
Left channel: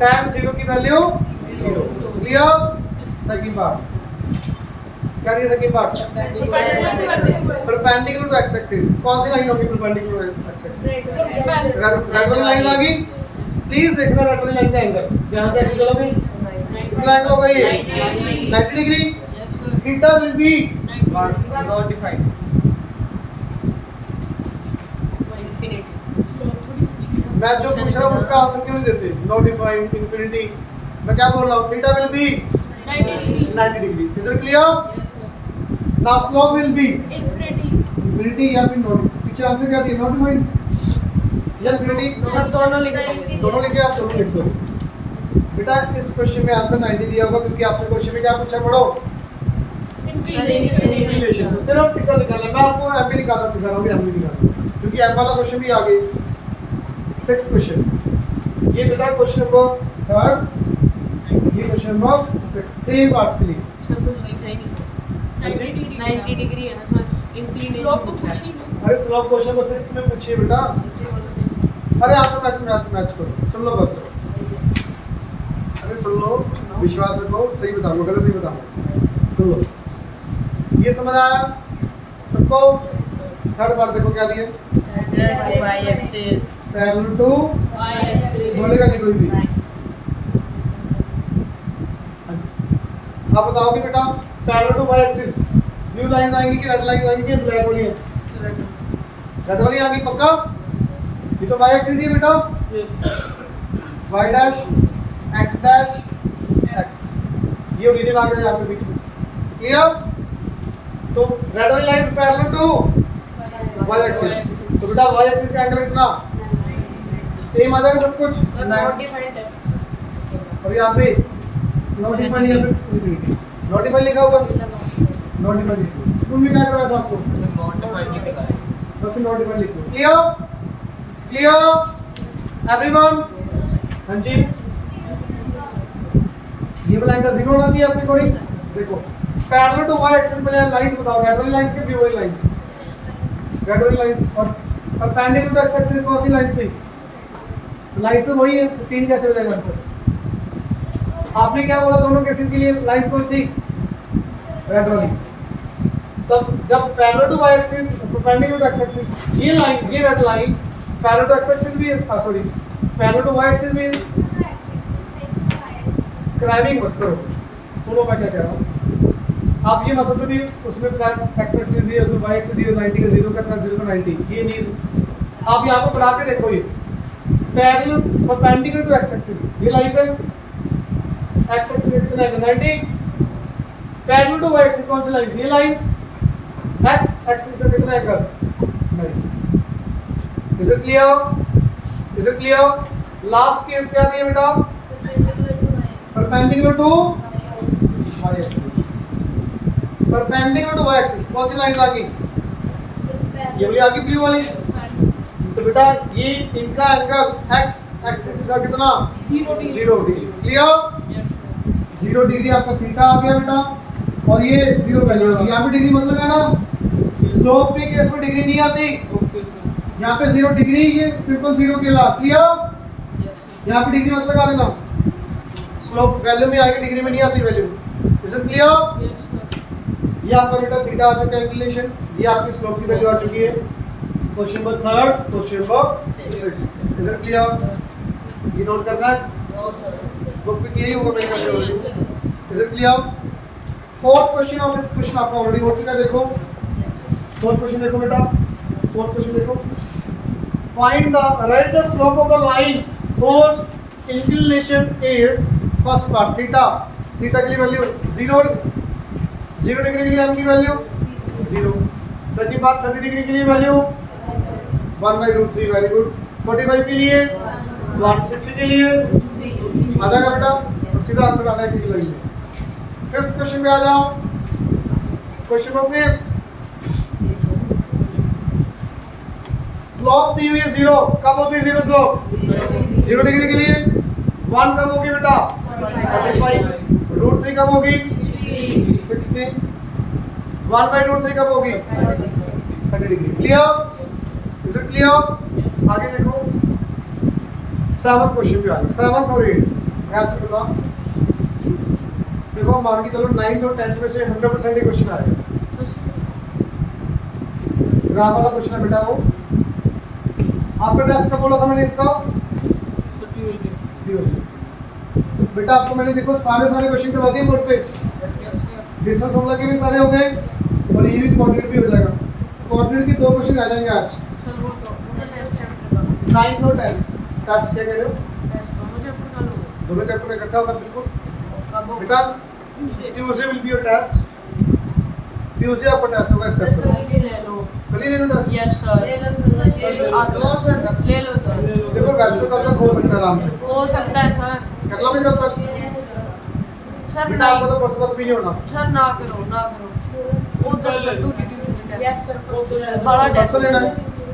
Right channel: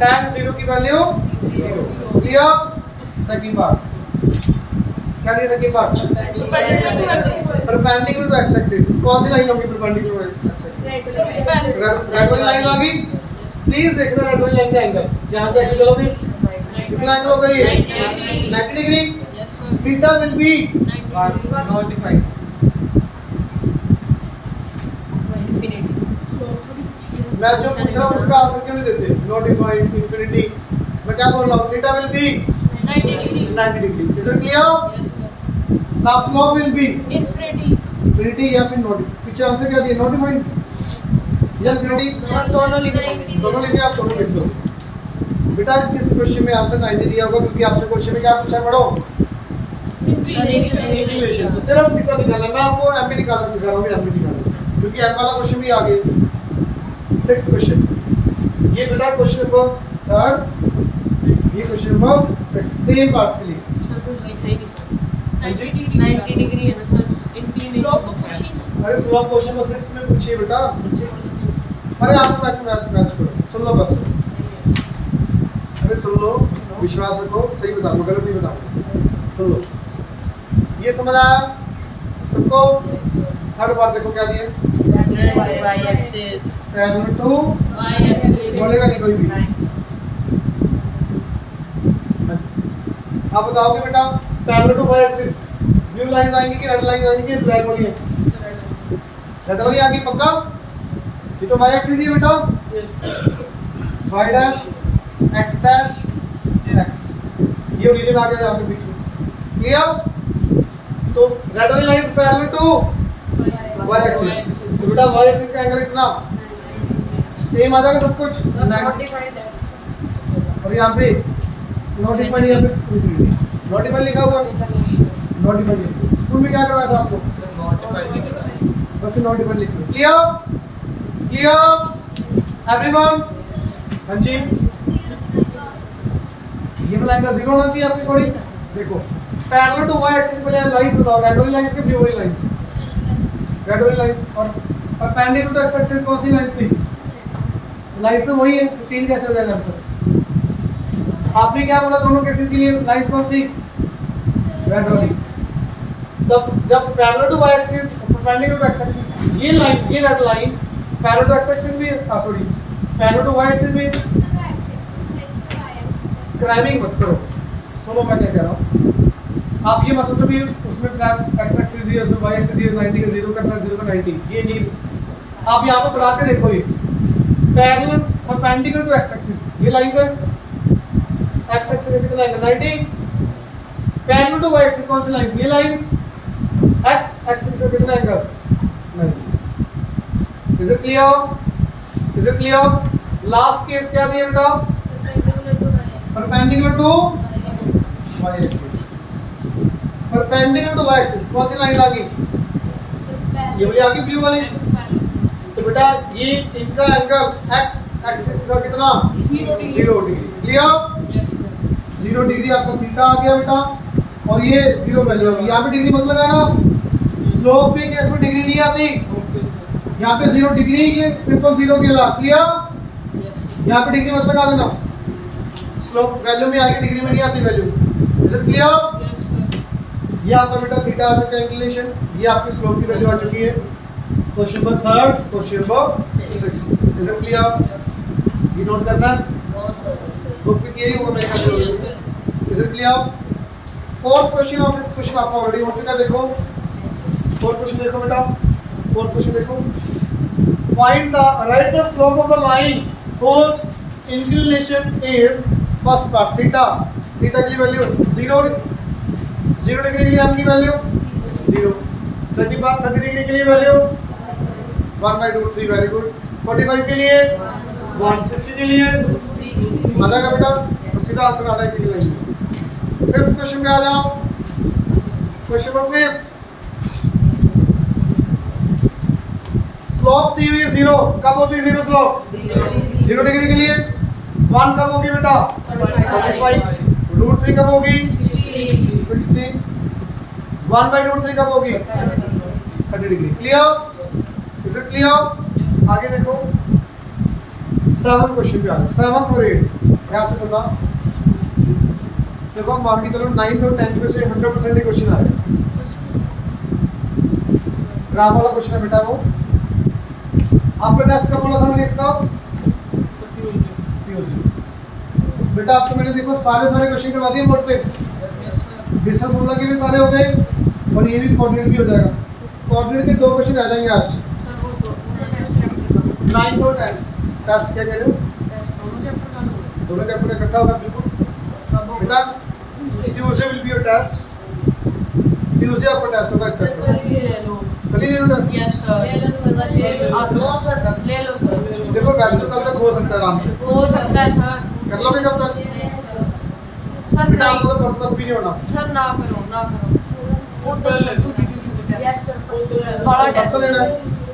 tan 0 की वैल्यू 0। क्लियर? सेकंड पार्ट क्या दिया? Second part perpendicular to x axis. कौन सी लाइन होगी perpendicular to x axis? Red वाली लाइन आ गई। प्लीज देखना रेड वाली लाइन का एंगल। यहां से ऐसे चलोगे कितना एंगल होगा ये? 90 degree. Theta will B not defined. मैं जो पूछ रहा हूं उसका आंसर क्यों नहीं देते? Not defined, infinity. मैं क्या बोल रहा हूं? Theta will B 90 degree. Is it clear? Now slope will be infinity या फिर नॉट। पीछे आंसर क्या दिया? नॉट डिफाइंड या इंफिनिटी? दोनों लिख देंगे। दोनों लिखे, आप दोनों लिख दो बेटा। इस क्वेश्चन में आंसर 90 दिया होगा क्योंकि आपसे क्वेश्चन में क्या पूछा? पढ़ो इंक्लिनेशन। तो सिर्फ थीटा निकालना है। मैं आपको एम भी निकालना सिखा रहा हूँ, एम भी निकालना, क्योंकि एम वाला क्वेश्चन भी आ गया। 6th क्वेश्चन ये बेटा क्वेश्चन नंबर 3rd, ये क्वेश्चन नंबर 6 सेम पार्ट्स के लिए। सर कुछ लिखा ही नहीं सर। 90 डिग्री है ना सर। इंक्लिनेशन स्लोप तो पूछी नहीं। अरे स्लोप क्वेश्चन नंबर 6 में पूछिए बेटा। अरे आज से मैच करो, सुन लो बस। अरे सुन लो, विश्वास रखो, सही बताऊंगा, गलत नहीं बताऊंगा। सुन लो, ये समझ आया सबको? 3rd बार देखो क्या दिए? y axis parallel to y axis बोलेगा नहीं कोई भी। आप बताओगे बेटा parallel to y axis blue line आएंगी कि रेड लाइन आएंगी कि ब्लैक वाली है? रेड वाली आ गई पक्का? ये तो y एक्सिस ही है बेटा। y dash x dash x, ये ओरिजिन आ गया यहाँ पे बीच में। क्लियर? तो रेड वाली line parallel to y axis, तो बेटा y एक्सिस का एंगल कितना? सेम आ जाएगा सब कुछ। और यहाँ पे नोटिफाइड या फिर इंफिनिटी। नोटिफाइड लिखा हुआ है, नोटिफाइड लिखो। स्कूल में क्या करवाया था आपको? बस नोटिफाइड लिखो। क्लियर? Clear everyone? हाँ जी, ये वाला एंगल 0 होना चाहिए आपके अकॉर्डिंग। देखो पैरेलल टू y एक्सिस पे लाइंस बताओ, रेड वाली लाइंस के ब्लू वाली लाइंस? रेड वाली लाइंस। और परपेंडिकुलर टू एक्स एक्सिस कौन सी लाइंस थी? लाइंस तो वही है। 3 कैसे हो जाएगा आंसर? आपने क्या बोला दोनों केसेस के लिए? लाइंस कौन सी? रेड वाली। तब जब parallel to y axis perpendicular to x axis, ये लाइन, ये red line parallel to x axis भी है, sorry parallel to y axis भी है। क्राइमिंग मत करो, सुनो मैं क्या कह रहा हूँ। आप ये मत सोचो भी उसमें एक्स एक्सिस भी है, उसमें y एक्सिस भी है, 90 का 0 का 0 का 90, ये नहीं। आप यहाँ पे बढ़ा के देखो, ये parallel perpendicular to x axis, ये लाइन है एक्स एक्सिस कितना है? 90। पैरेलल टू y एक्सिस कौन सी लाइन? ये लाइंस एक्स एक्सिस से कितना angle? 90। Is it clear? Is it clear? Last case क्या दिया बेटा? Perpendicular to y axis. Perpendicular to y axis कौन सी लाइन आ गई? ये वाली आ गई ब्लू वाली। तो बेटा ये इनका एंगल x एक्सिस का कितना? 0 डिग्री। क्लियर? 0 डिग्री आपका थीटा आ गया बेटा, और ये 0 वैल्यू होगी। यहाँ पे डिग्री मत लगाना, स्लोप के केस में डिग्री नहीं आती। यहाँ पे 0 डिग्री, ये सिंपल 0 के ला। क्लियर? यहाँ पे डिग्री मत लगा देना, स्लोप वैल्यू में आएगी, डिग्री में नहीं आती वैल्यू। Is it clear? ये आपका बेटा थीटा आ चुका है इंक्लिनेशन, ये आपकी स्लोप की वैल्यू आ चुकी है। Question number 3rd, question number 6। Is it clear? ये नोट करना है, बुक पे यही होगा मेरे ख्याल से। Is it clear? 4th question और 5th क्वेश्चन आपका ऑलरेडी हो चुका है। देखो 4th क्वेश्चन देखो बेटा, 4th क्वेश्चन देखो। Find the right the slope of the line whose inclination is first part theta. Theta की वैल्यू 0 डिग्री के लिए आपकी वैल्यू 0। सेकंड पार्ट 30 डिग्री के लिए वैल्यू 1/√3। Very good. 45 के लिए 1, 60 के लिए आ जाएगा बेटा, तो सीधा आंसर आ जाएगा कि लाइन में। 5th क्वेश्चन पे आ जाओ। क्वेश्चन नंबर 5, स्लोप दी हुई है 0। कब होती है 0 स्लोप? 0 डिग्री के लिए 1 कब होगी बेटा? 45। रूट 3 कब होगी 16, 1/√3 कब होगी 30 degree. Clear, is it clear? आगे देखो 7 क्वेश्चन पे आ गए, 7 और 8 ध्यान से सुनना। देखो मान के चलो 9th और 10th में से 100% ही क्वेश्चन आएगा। ग्राफ वाला क्वेश्चन है बेटा वो। आपका टेस्ट कब बोला था मैंने इसका? बेटा आपको मैंने देखो सारे क्वेश्चन करवा दिए बोर्ड पे। डिस्टेंस फॉर्मूला के भी सारे हो गए और ये भी कोऑर्डिनेट भी हो जाएगा। कोऑर्डिनेट के 2 क्वेश्चन आ जाएंगे आज। 9 और 10 टेस्ट क्या कह रहे हो? दोनों चैप्टर इकट्ठा होगा बिल्कुल बेटा। Tuesday will be your test. Tuesday आपका टेस्ट होगा इस चैप्टर का। कल ही ले लो टेस्ट। यस सर, ले लो सर। देखो वैसे तो कल तक हो सकता है आराम से। हो सकता है सर। कर लोगे कल तक? सर बेटा आपको तो पर्सनल भी नहीं होना। सर ना करो वो तो सर दूसरी चीज यस सर बड़ा परसों लेना है,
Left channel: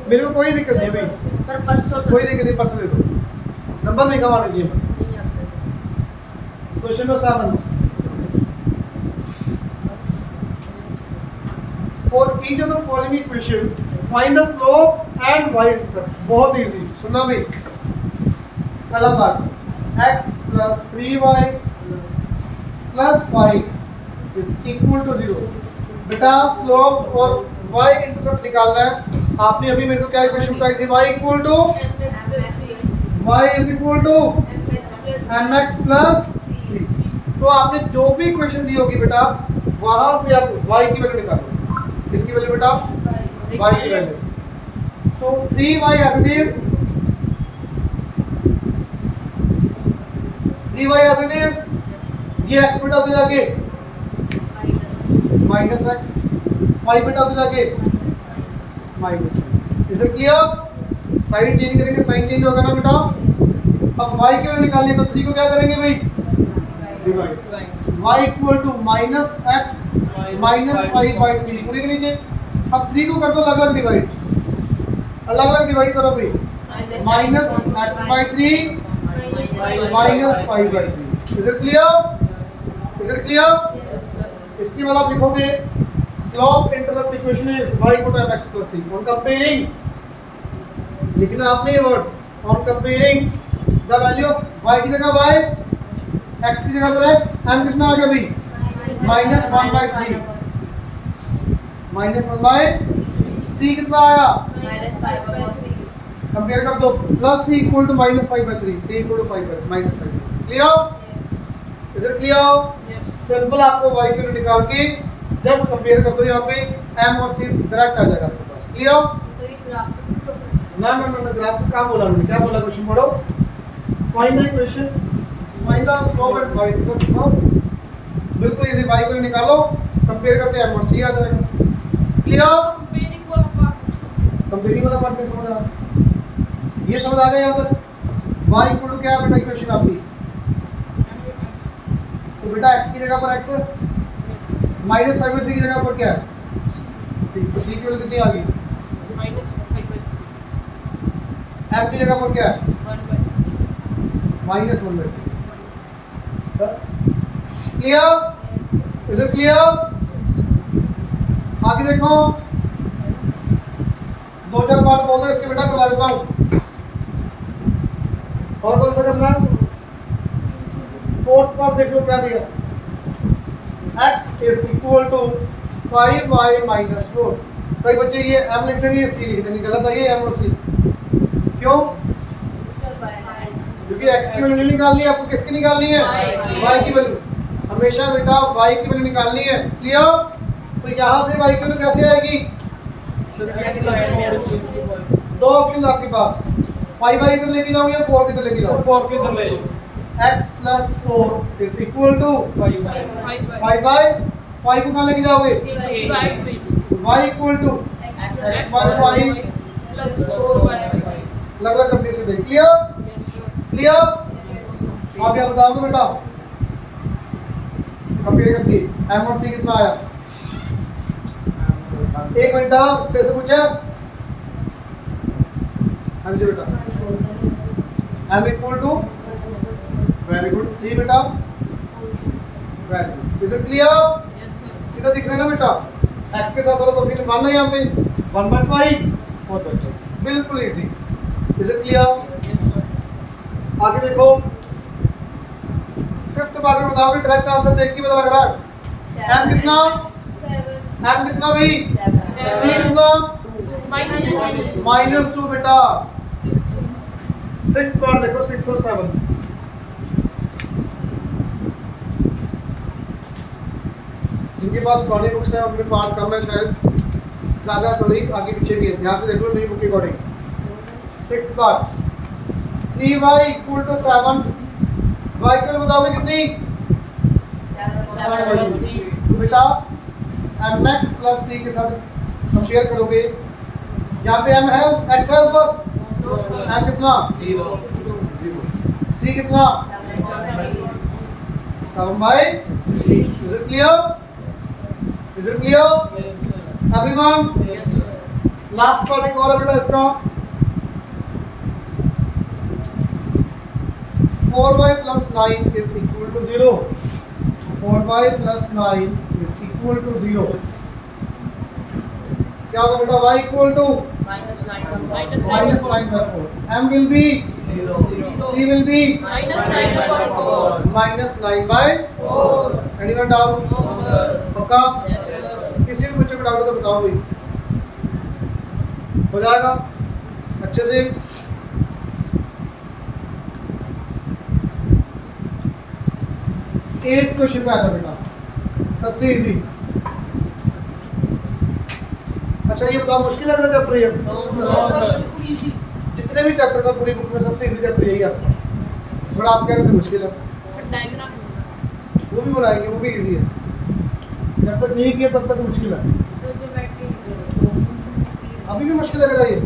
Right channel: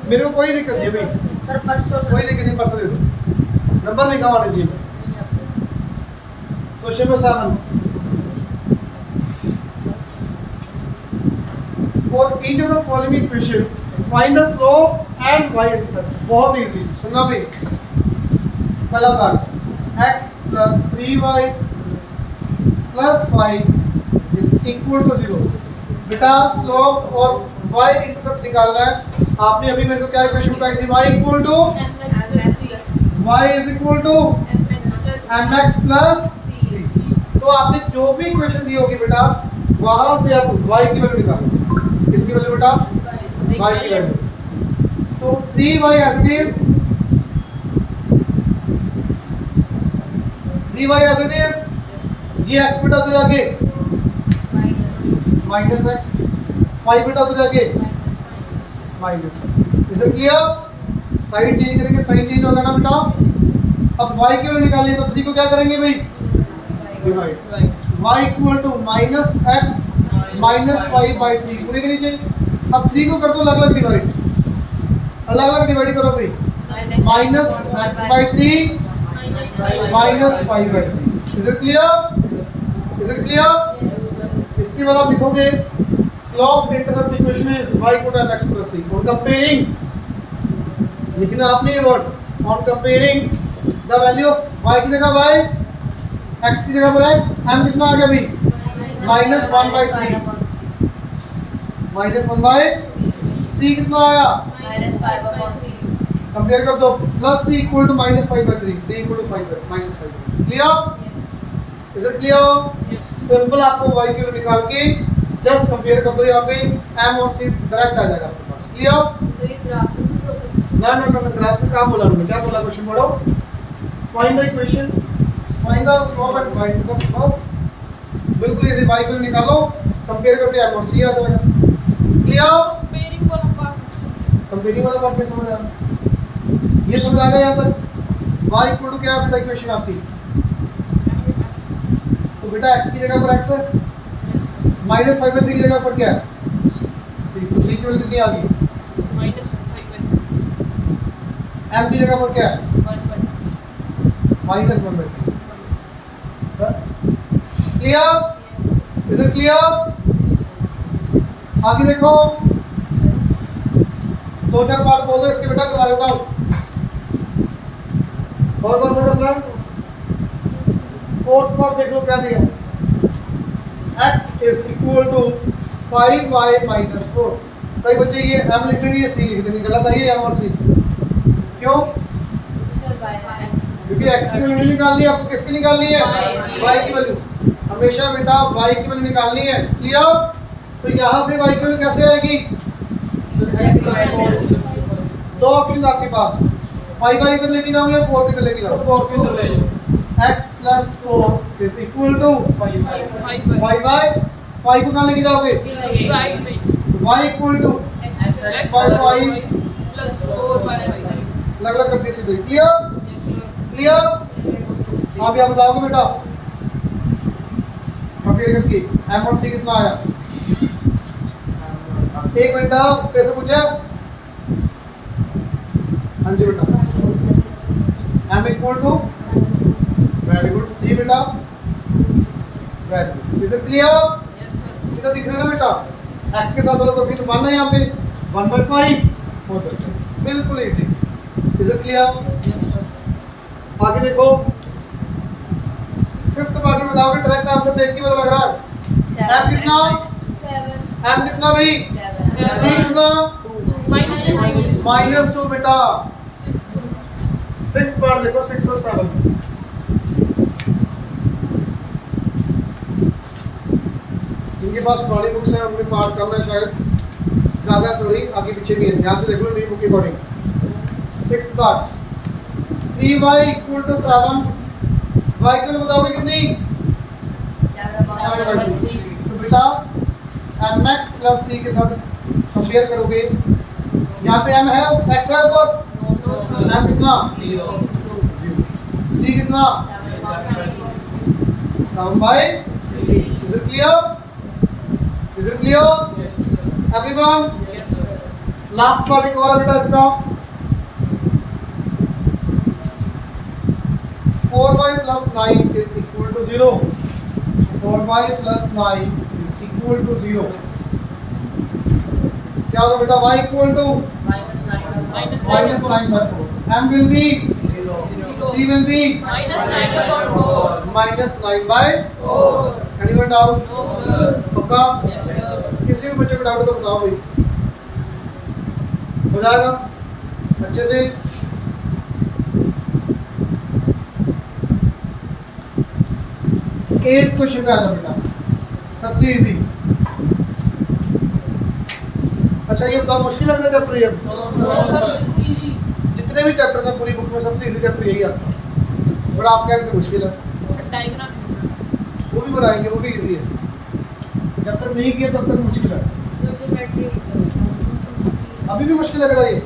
मेरे को कोई दिक्कत नहीं भाई, सर परसों कोई दिक्कत नहीं, परसों ले दो। नंबर नहीं कमाने चाहिए। Question number 7, for each of the following equation find the slope and y intercept. बहुत इजी, सुनना भाई। पहला part x + 3y + 5 is equal to 0। बेटा स्लोप और y इंटरसेप्ट निकालना है। आपने अभी मेरे को क्या इक्वेशन बताई थी? y equal to mx + c। तो आपने जो भी इक्वेशन दी होगी बेटा वहां से आप y की वैल्यू निकालोगे। किसकी वैल्यू बेटा? y की वैल्यू। तो 3y as it is, 3y as it is, ये x बेटा उधर आगे -x, y बेटा उधर आगे -y। इसे किया साइड चेंज करेंगे, साइन चेंज होगा ना बेटा। अब y की वैल्यू निकालनी है तो 3 को क्या करेंगे भाई? Divide. y equal to -x -5/3 पूरी के नीचे। अब 3 को कर दो अलग अलग डिवाइड, अलग अलग डिवाइड करो भाई। -x/3 -5/3। Is it clear? Is it clear? इसके बाद आप लिखोगे slope intercept equation is y equal to mx + c। On comparing लिखना आपने ये word, on comparing the value of y की जगह y, x की जगह पर x, m कितना आ गया भाई? -1/3 -1/c कितना आया? कंपेयर कर दो। Plus c equal to -5/3, c equal to -5। Clear? Is it clear? Simple आपको y की वैल्यू निकाल के जस्ट कंपेयर कर दो। यहाँ पे m और c डायरेक्ट आ जाएगा आपके पास। क्लियर? ना ग्राफ का काम बोला उन्होंने, क्या बोला क्वेश्चन पढ़ो। Find the equation, find the slope and y intercept बस। बिल्कुल इजी, y को निकालो, कंपेयर करके m और c आ जाएगा। क्लियर? कंपेयरिंग वाला पार्ट में समझ आ गया? ये समझ आ गया यहाँ तक? y इक्वल टू क्या बेटा इक्वेशन आपकी? तो बेटा x की जगह पर x है, -5/3 की जगह पर क्या है? c। तो c की वैल्यू कितनी आ गई? m की जगह पर क्या है? -1/3। बस। क्लियर? Is it clear? आगे देखो 2-4 पार्ट बोल दो इसके बेटा, करवा देता हूँ। और कौन सा करना है? 4th पार्ट देख लो क्या दिया। x is equal to 5y - 4। कई बच्चे ये m लिख देंगे, ये c लिख देंगे, गलत है ये m और c। क्यों? क्योंकि x की वैल्यू निकालनी है आपको। किसकी निकालनी है? y की वैल्यू। हमेशा बेटा y की वैल्यू निकालनी है। क्लियर? तो यहाँ से y की वैल्यू कैसे आएगी? 2 ऑप्शन आपके पास, 5y किधर लेके जाओगे, 4 किधर लेके जाओगे? 4 किधर ले लो? x + 4 is equal to 5y। 5 को कहाँ लेके जाओगे? राइट में y equal to x/5 plus 4/5। अलग अलग करते सीधे। क्लियर? क्लियर? आप यहाँ बताओगे बेटा कंपेयर करके m और c कितना आया? एक मिनट आप कैसे पूछा? हाँ जी बेटा, m equal to, very good, c बेटा value. Is it clear? Yes sir सीधा दिख रहा है ना बेटा, x के साथ वाला कोएफिशिएंट 1 है यहाँ पे 1/5 होता है, बिल्कुल easy. Is it clear? Yes sir आगे देखो, फिफ्थ पार्ट में बताओगे, डायरेक्ट आंसर देख के पता लग रहा है। m कितना? 7 m कितना भाई? 7 c कितना? माइनस -2 बेटा। सिक्स्थ पार्ट देखो, 6 और 7। इनके पास पुरानी बुक्स है, उनमें पार्ट कम है शायद, ज्यादा सॉरी आगे पीछे भी है, ध्यान से देख लो मेरी बुक के according. Sixth part 3y = 7, y को बताओगे कितनी? 7/2। तो बेटा mx प्लस c के साथ कंपेयर करोगे, यहाँ पे m है, x है ऊपर, m कितना? 0, c कितना? 7/3। Is it clear? Is it clear? Everyone? Yes sir last part एक और है बेटा इसका, 4y plus 9 is equal to 0. 4y plus 9 is equal to 0. क्या होगा बेटा? y equal to -9/4. m will be 0 c will be -9/4 -9/4. Anyone doubt? No sir पक्का? Yes sir किसी भी बच्चे को डाउट हो तो बताओ भाई, हो जाएगा अच्छे से। एट क्वेश्चन पे आता बेटा, सबसे इजी। अच्छा ये बताओ, मुश्किल लग रहा है चैप्टर ये? नो सर बिल्कुल इजी जितने भी चैप्टर थे पूरी बुक में सबसे इजी चैप्टर यही आपका, बट आप कह रहे थे मुश्किल है। सर डायग्राम वो भी बनाएंगे, वो भी इजी है, जब तक नहीं किया तब तक मुश्किल है। सर जो बैटरी अभी भी मुश्किल लग रहा है ये?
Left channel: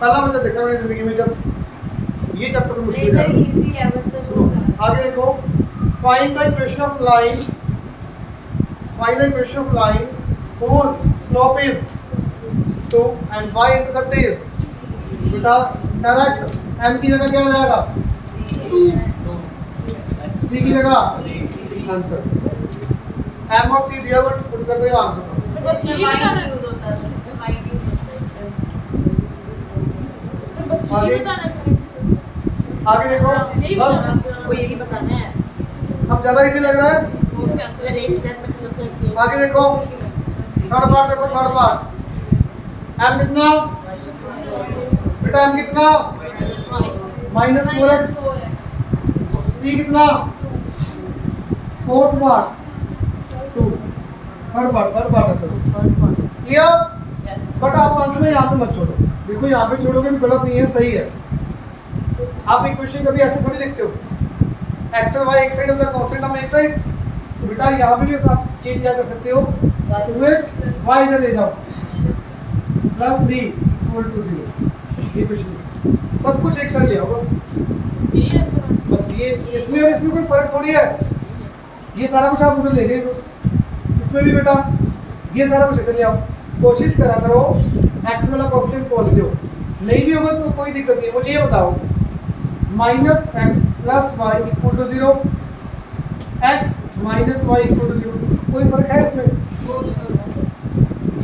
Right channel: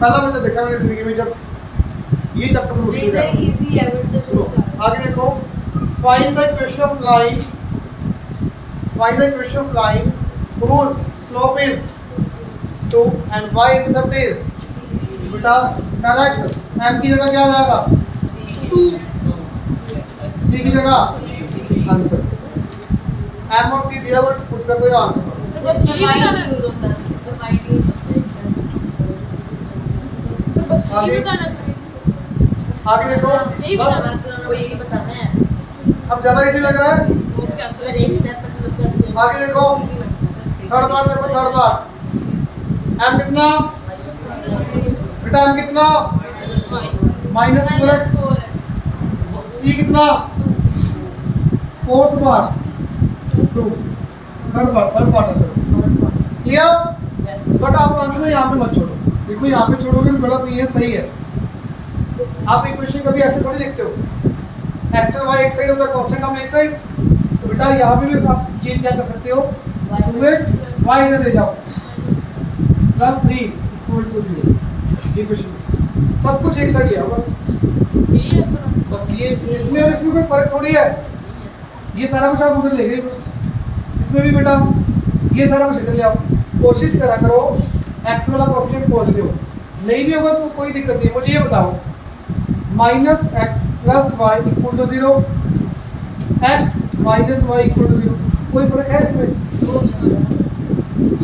पहला बच्चा देखा मैंने जिंदगी में जब ये चैप्टर मुश्किल है। इजी है बट सुनो आगे देखो, find the equation of line, find the equation of line whose slope is 2 and y intercept is, बेटा डायरेक्ट m की जगह क्या आ जाएगा? 2, c की जगह आंसर, m और c दिया बट पुट कर दो आंसर। सर बस ये बताना यूज होता है सर जो हाइट यूज होता है सर बस ये बताना सर आगे देखो, यही बस बताना यही बताना है अब ज्यादा इजी लग रहा है। और क्या सर सर एक स्टेप करते हैं। आगे देखो, थर्ड पार्ट देखो, थर्ड पार्ट m कितना बेटा? m कितना? -4x। c कितना? फोर्थ पार्ट 2, थर्ड पार्ट है सर, क्लियर? बट आप आंसर यहाँ पे मत छोड़ो, देखो यहाँ पे छोड़ोगे भी गलत नहीं है, सही है। आप इक्वेशन कभी ऐसे थोड़ी लिखते हो, x और y एक साइड होता है, कांस्टेंट हम एक साइड, तो बेटा यहाँ पे भी आप चेंज क्या कर सकते हो, 2x y इधर ले जाओ +3 = 0। इक्वेशन सब कुछ एक साइड ले आओ बस, यही है सर बस ये इसमें और इसमें कोई फर्क थोड़ी है, ये सारा कुछ आप उधर ले गए बस। इसमें भी बेटा ये सारा कुछ इधर ले आओ, कोशिश करा करो x वाला कोएफिशिएंट पॉजिटिव, नहीं भी होगा तो कोई दिक्कत नहीं। मुझे ये बताओ, -x + y = 0, x - y = 0, कोई फर्क है इसमें? वो सर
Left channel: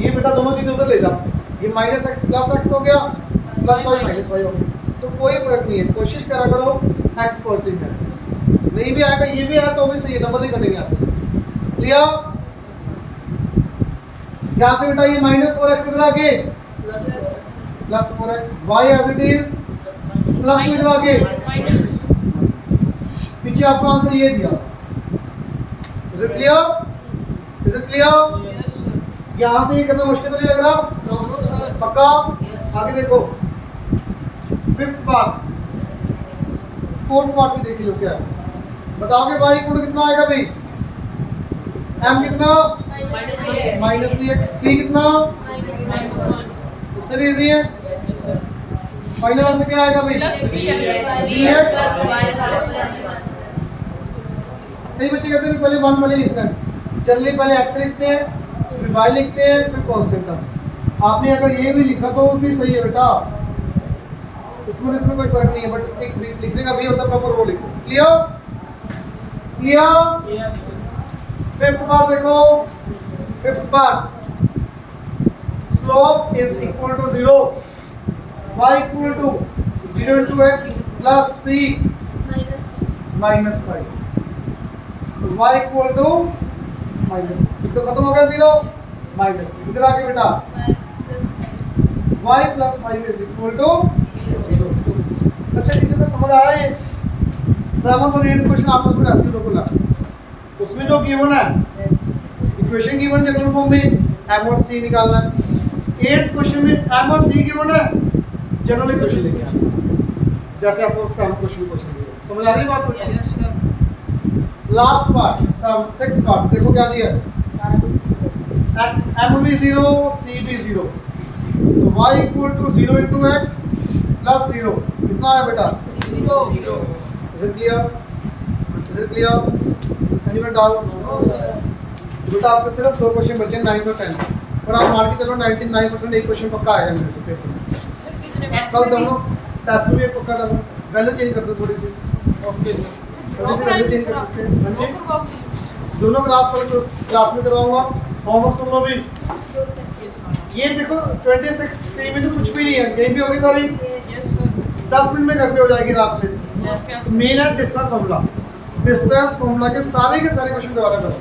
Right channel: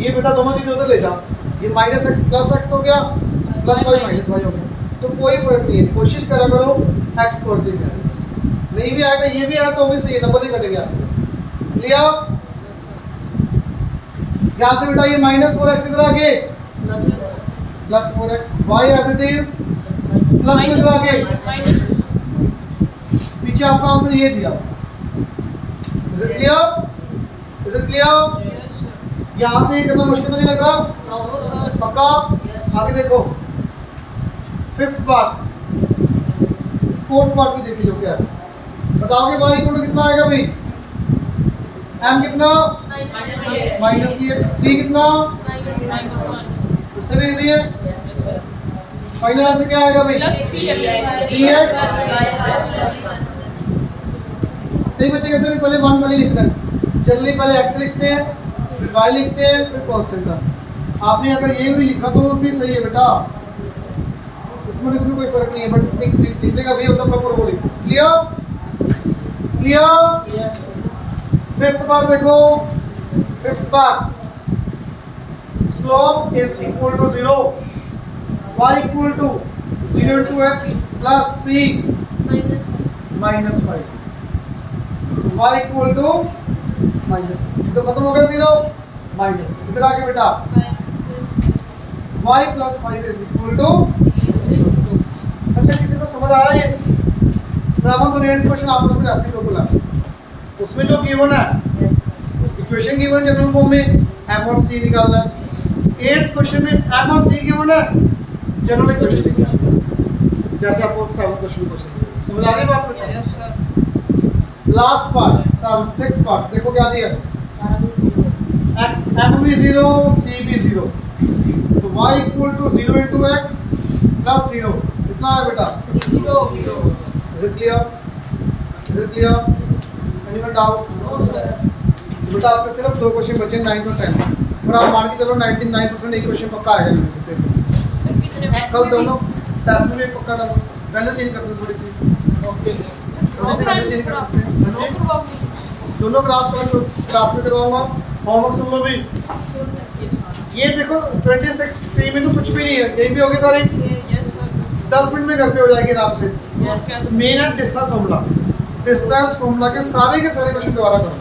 ये बेटा दोनों चीजें उधर ले जाओ, ये -x + x हो गया, +y - y हो गया, तो कोई फर्क नहीं है। कोशिश करा करो x पॉजिटिव है, नहीं भी आएगा ये भी आया तो भी सही है, नंबर नहीं कटेंगे आपके। क्लियर? यहाँ से बेटा ये -4x इधर आके +4x, y as it is plus इधर आके, पीछे आपका आंसर ये दिया। Is it clear? Is it clear? Yes sir यहाँ से ये करना मुश्किल नहीं लग रहा? नो सर पक्का? आगे देखो, फिफ्थ पार्ट, फोर्थ पार्ट भी देख लो क्या है, बताओगे y इक्वल टू कितना आएगा भाई? m कितना? -3x, c कितना? उससे भी इजी है, फाइनल आंसर क्या आएगा भाई? dx। कई बच्चे कहते हैं पहले 1 पहले लिखना है, जल्दी पहले x लिखते हैं, फिर y लिखते हैं, फिर कॉन्स्टेंट। आपने अगर ये भी लिखा तो भी सही है बेटा, इसमें कोई फर्क नहीं है, बट एक लिखने का भी होता है प्रॉपर वो लिखो। Clear? Clear? Yes. Fifth part देखो, fifth part, slope is equal to 0, y equal to 0 into x plus c minus 5, y equal to minus, तो खत्म हो गया 0 माइनस, इधर आके बेटा y plus 5 is equal to. अच्छा किसी को समझ आया ये? 7th और 8th क्वेश्चन आपस में ऐसे बिल्कुल है, उसमें जो गिवन है इक्वेशन गिवन जनरल फॉर्म में m और c निकालना है, 8th क्वेश्चन में m और c गिवन है, जनरल इक्वेशन लिखना है, जैसे आपको 7th क्वेश्चन समझ आ रही बात बेटा? Yes, sir. Last part, 6th part देखो क्या दिया है, m भी 0 c भी 0, तो y equal to 0 into x plus 0, कितना है बेटा? 0. Is it clear? Is it clear? Anyone doubt? No, sir. तो बेटा आपके सिर्फ 2 क्वेश्चन बचे 9 और 10, पर आप मान के चलो 99% एक क्वेश्चन पक्का आएगा मेरे से पेपर में। Sir, कितने कल दोनों टेस्ट में भी पक्का डालो, वैल्यू चेंज कर दो थोड़ी सी, ओके थोड़ी सी वैल्यू चेंज कर सकते हैं। हाँ जी? करवाओगे? दोनों ग्राफ पर क्लास में करवाऊंगा, होमवर्क तुम लोग भी ये देखो 26 सी में तो कुछ भी नहीं है, यही भी होगी सारी, Yes, sir. 10 मिनट में घर पे हो जाएगी आराम से। Okay, sir. मेन है डिस्टेंस फार्मूला, डिस्टेंस फार्मूला के सारे क्वेश्चन दोबारा करो।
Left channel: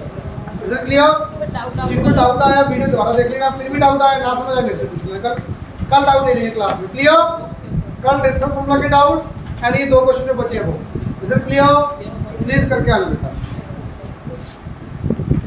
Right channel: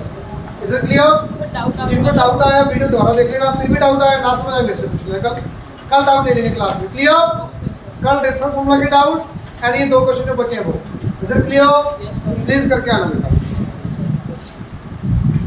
Is it clear? Sir, doubt जिनको डाउट आया वीडियो दोबारा देख लेना, फिर भी डाउट आया ना समझ आए मेरे से पूछ लेना, कल डाउट ले लेंगे क्लास में। क्लियर? कल डिस्टेंस फार्मूला के डाउट्स एंड ये 2 क्वेश्चन जो बचे हैं वो। Is it clear? Yes, sir. Please करके आना बेटा।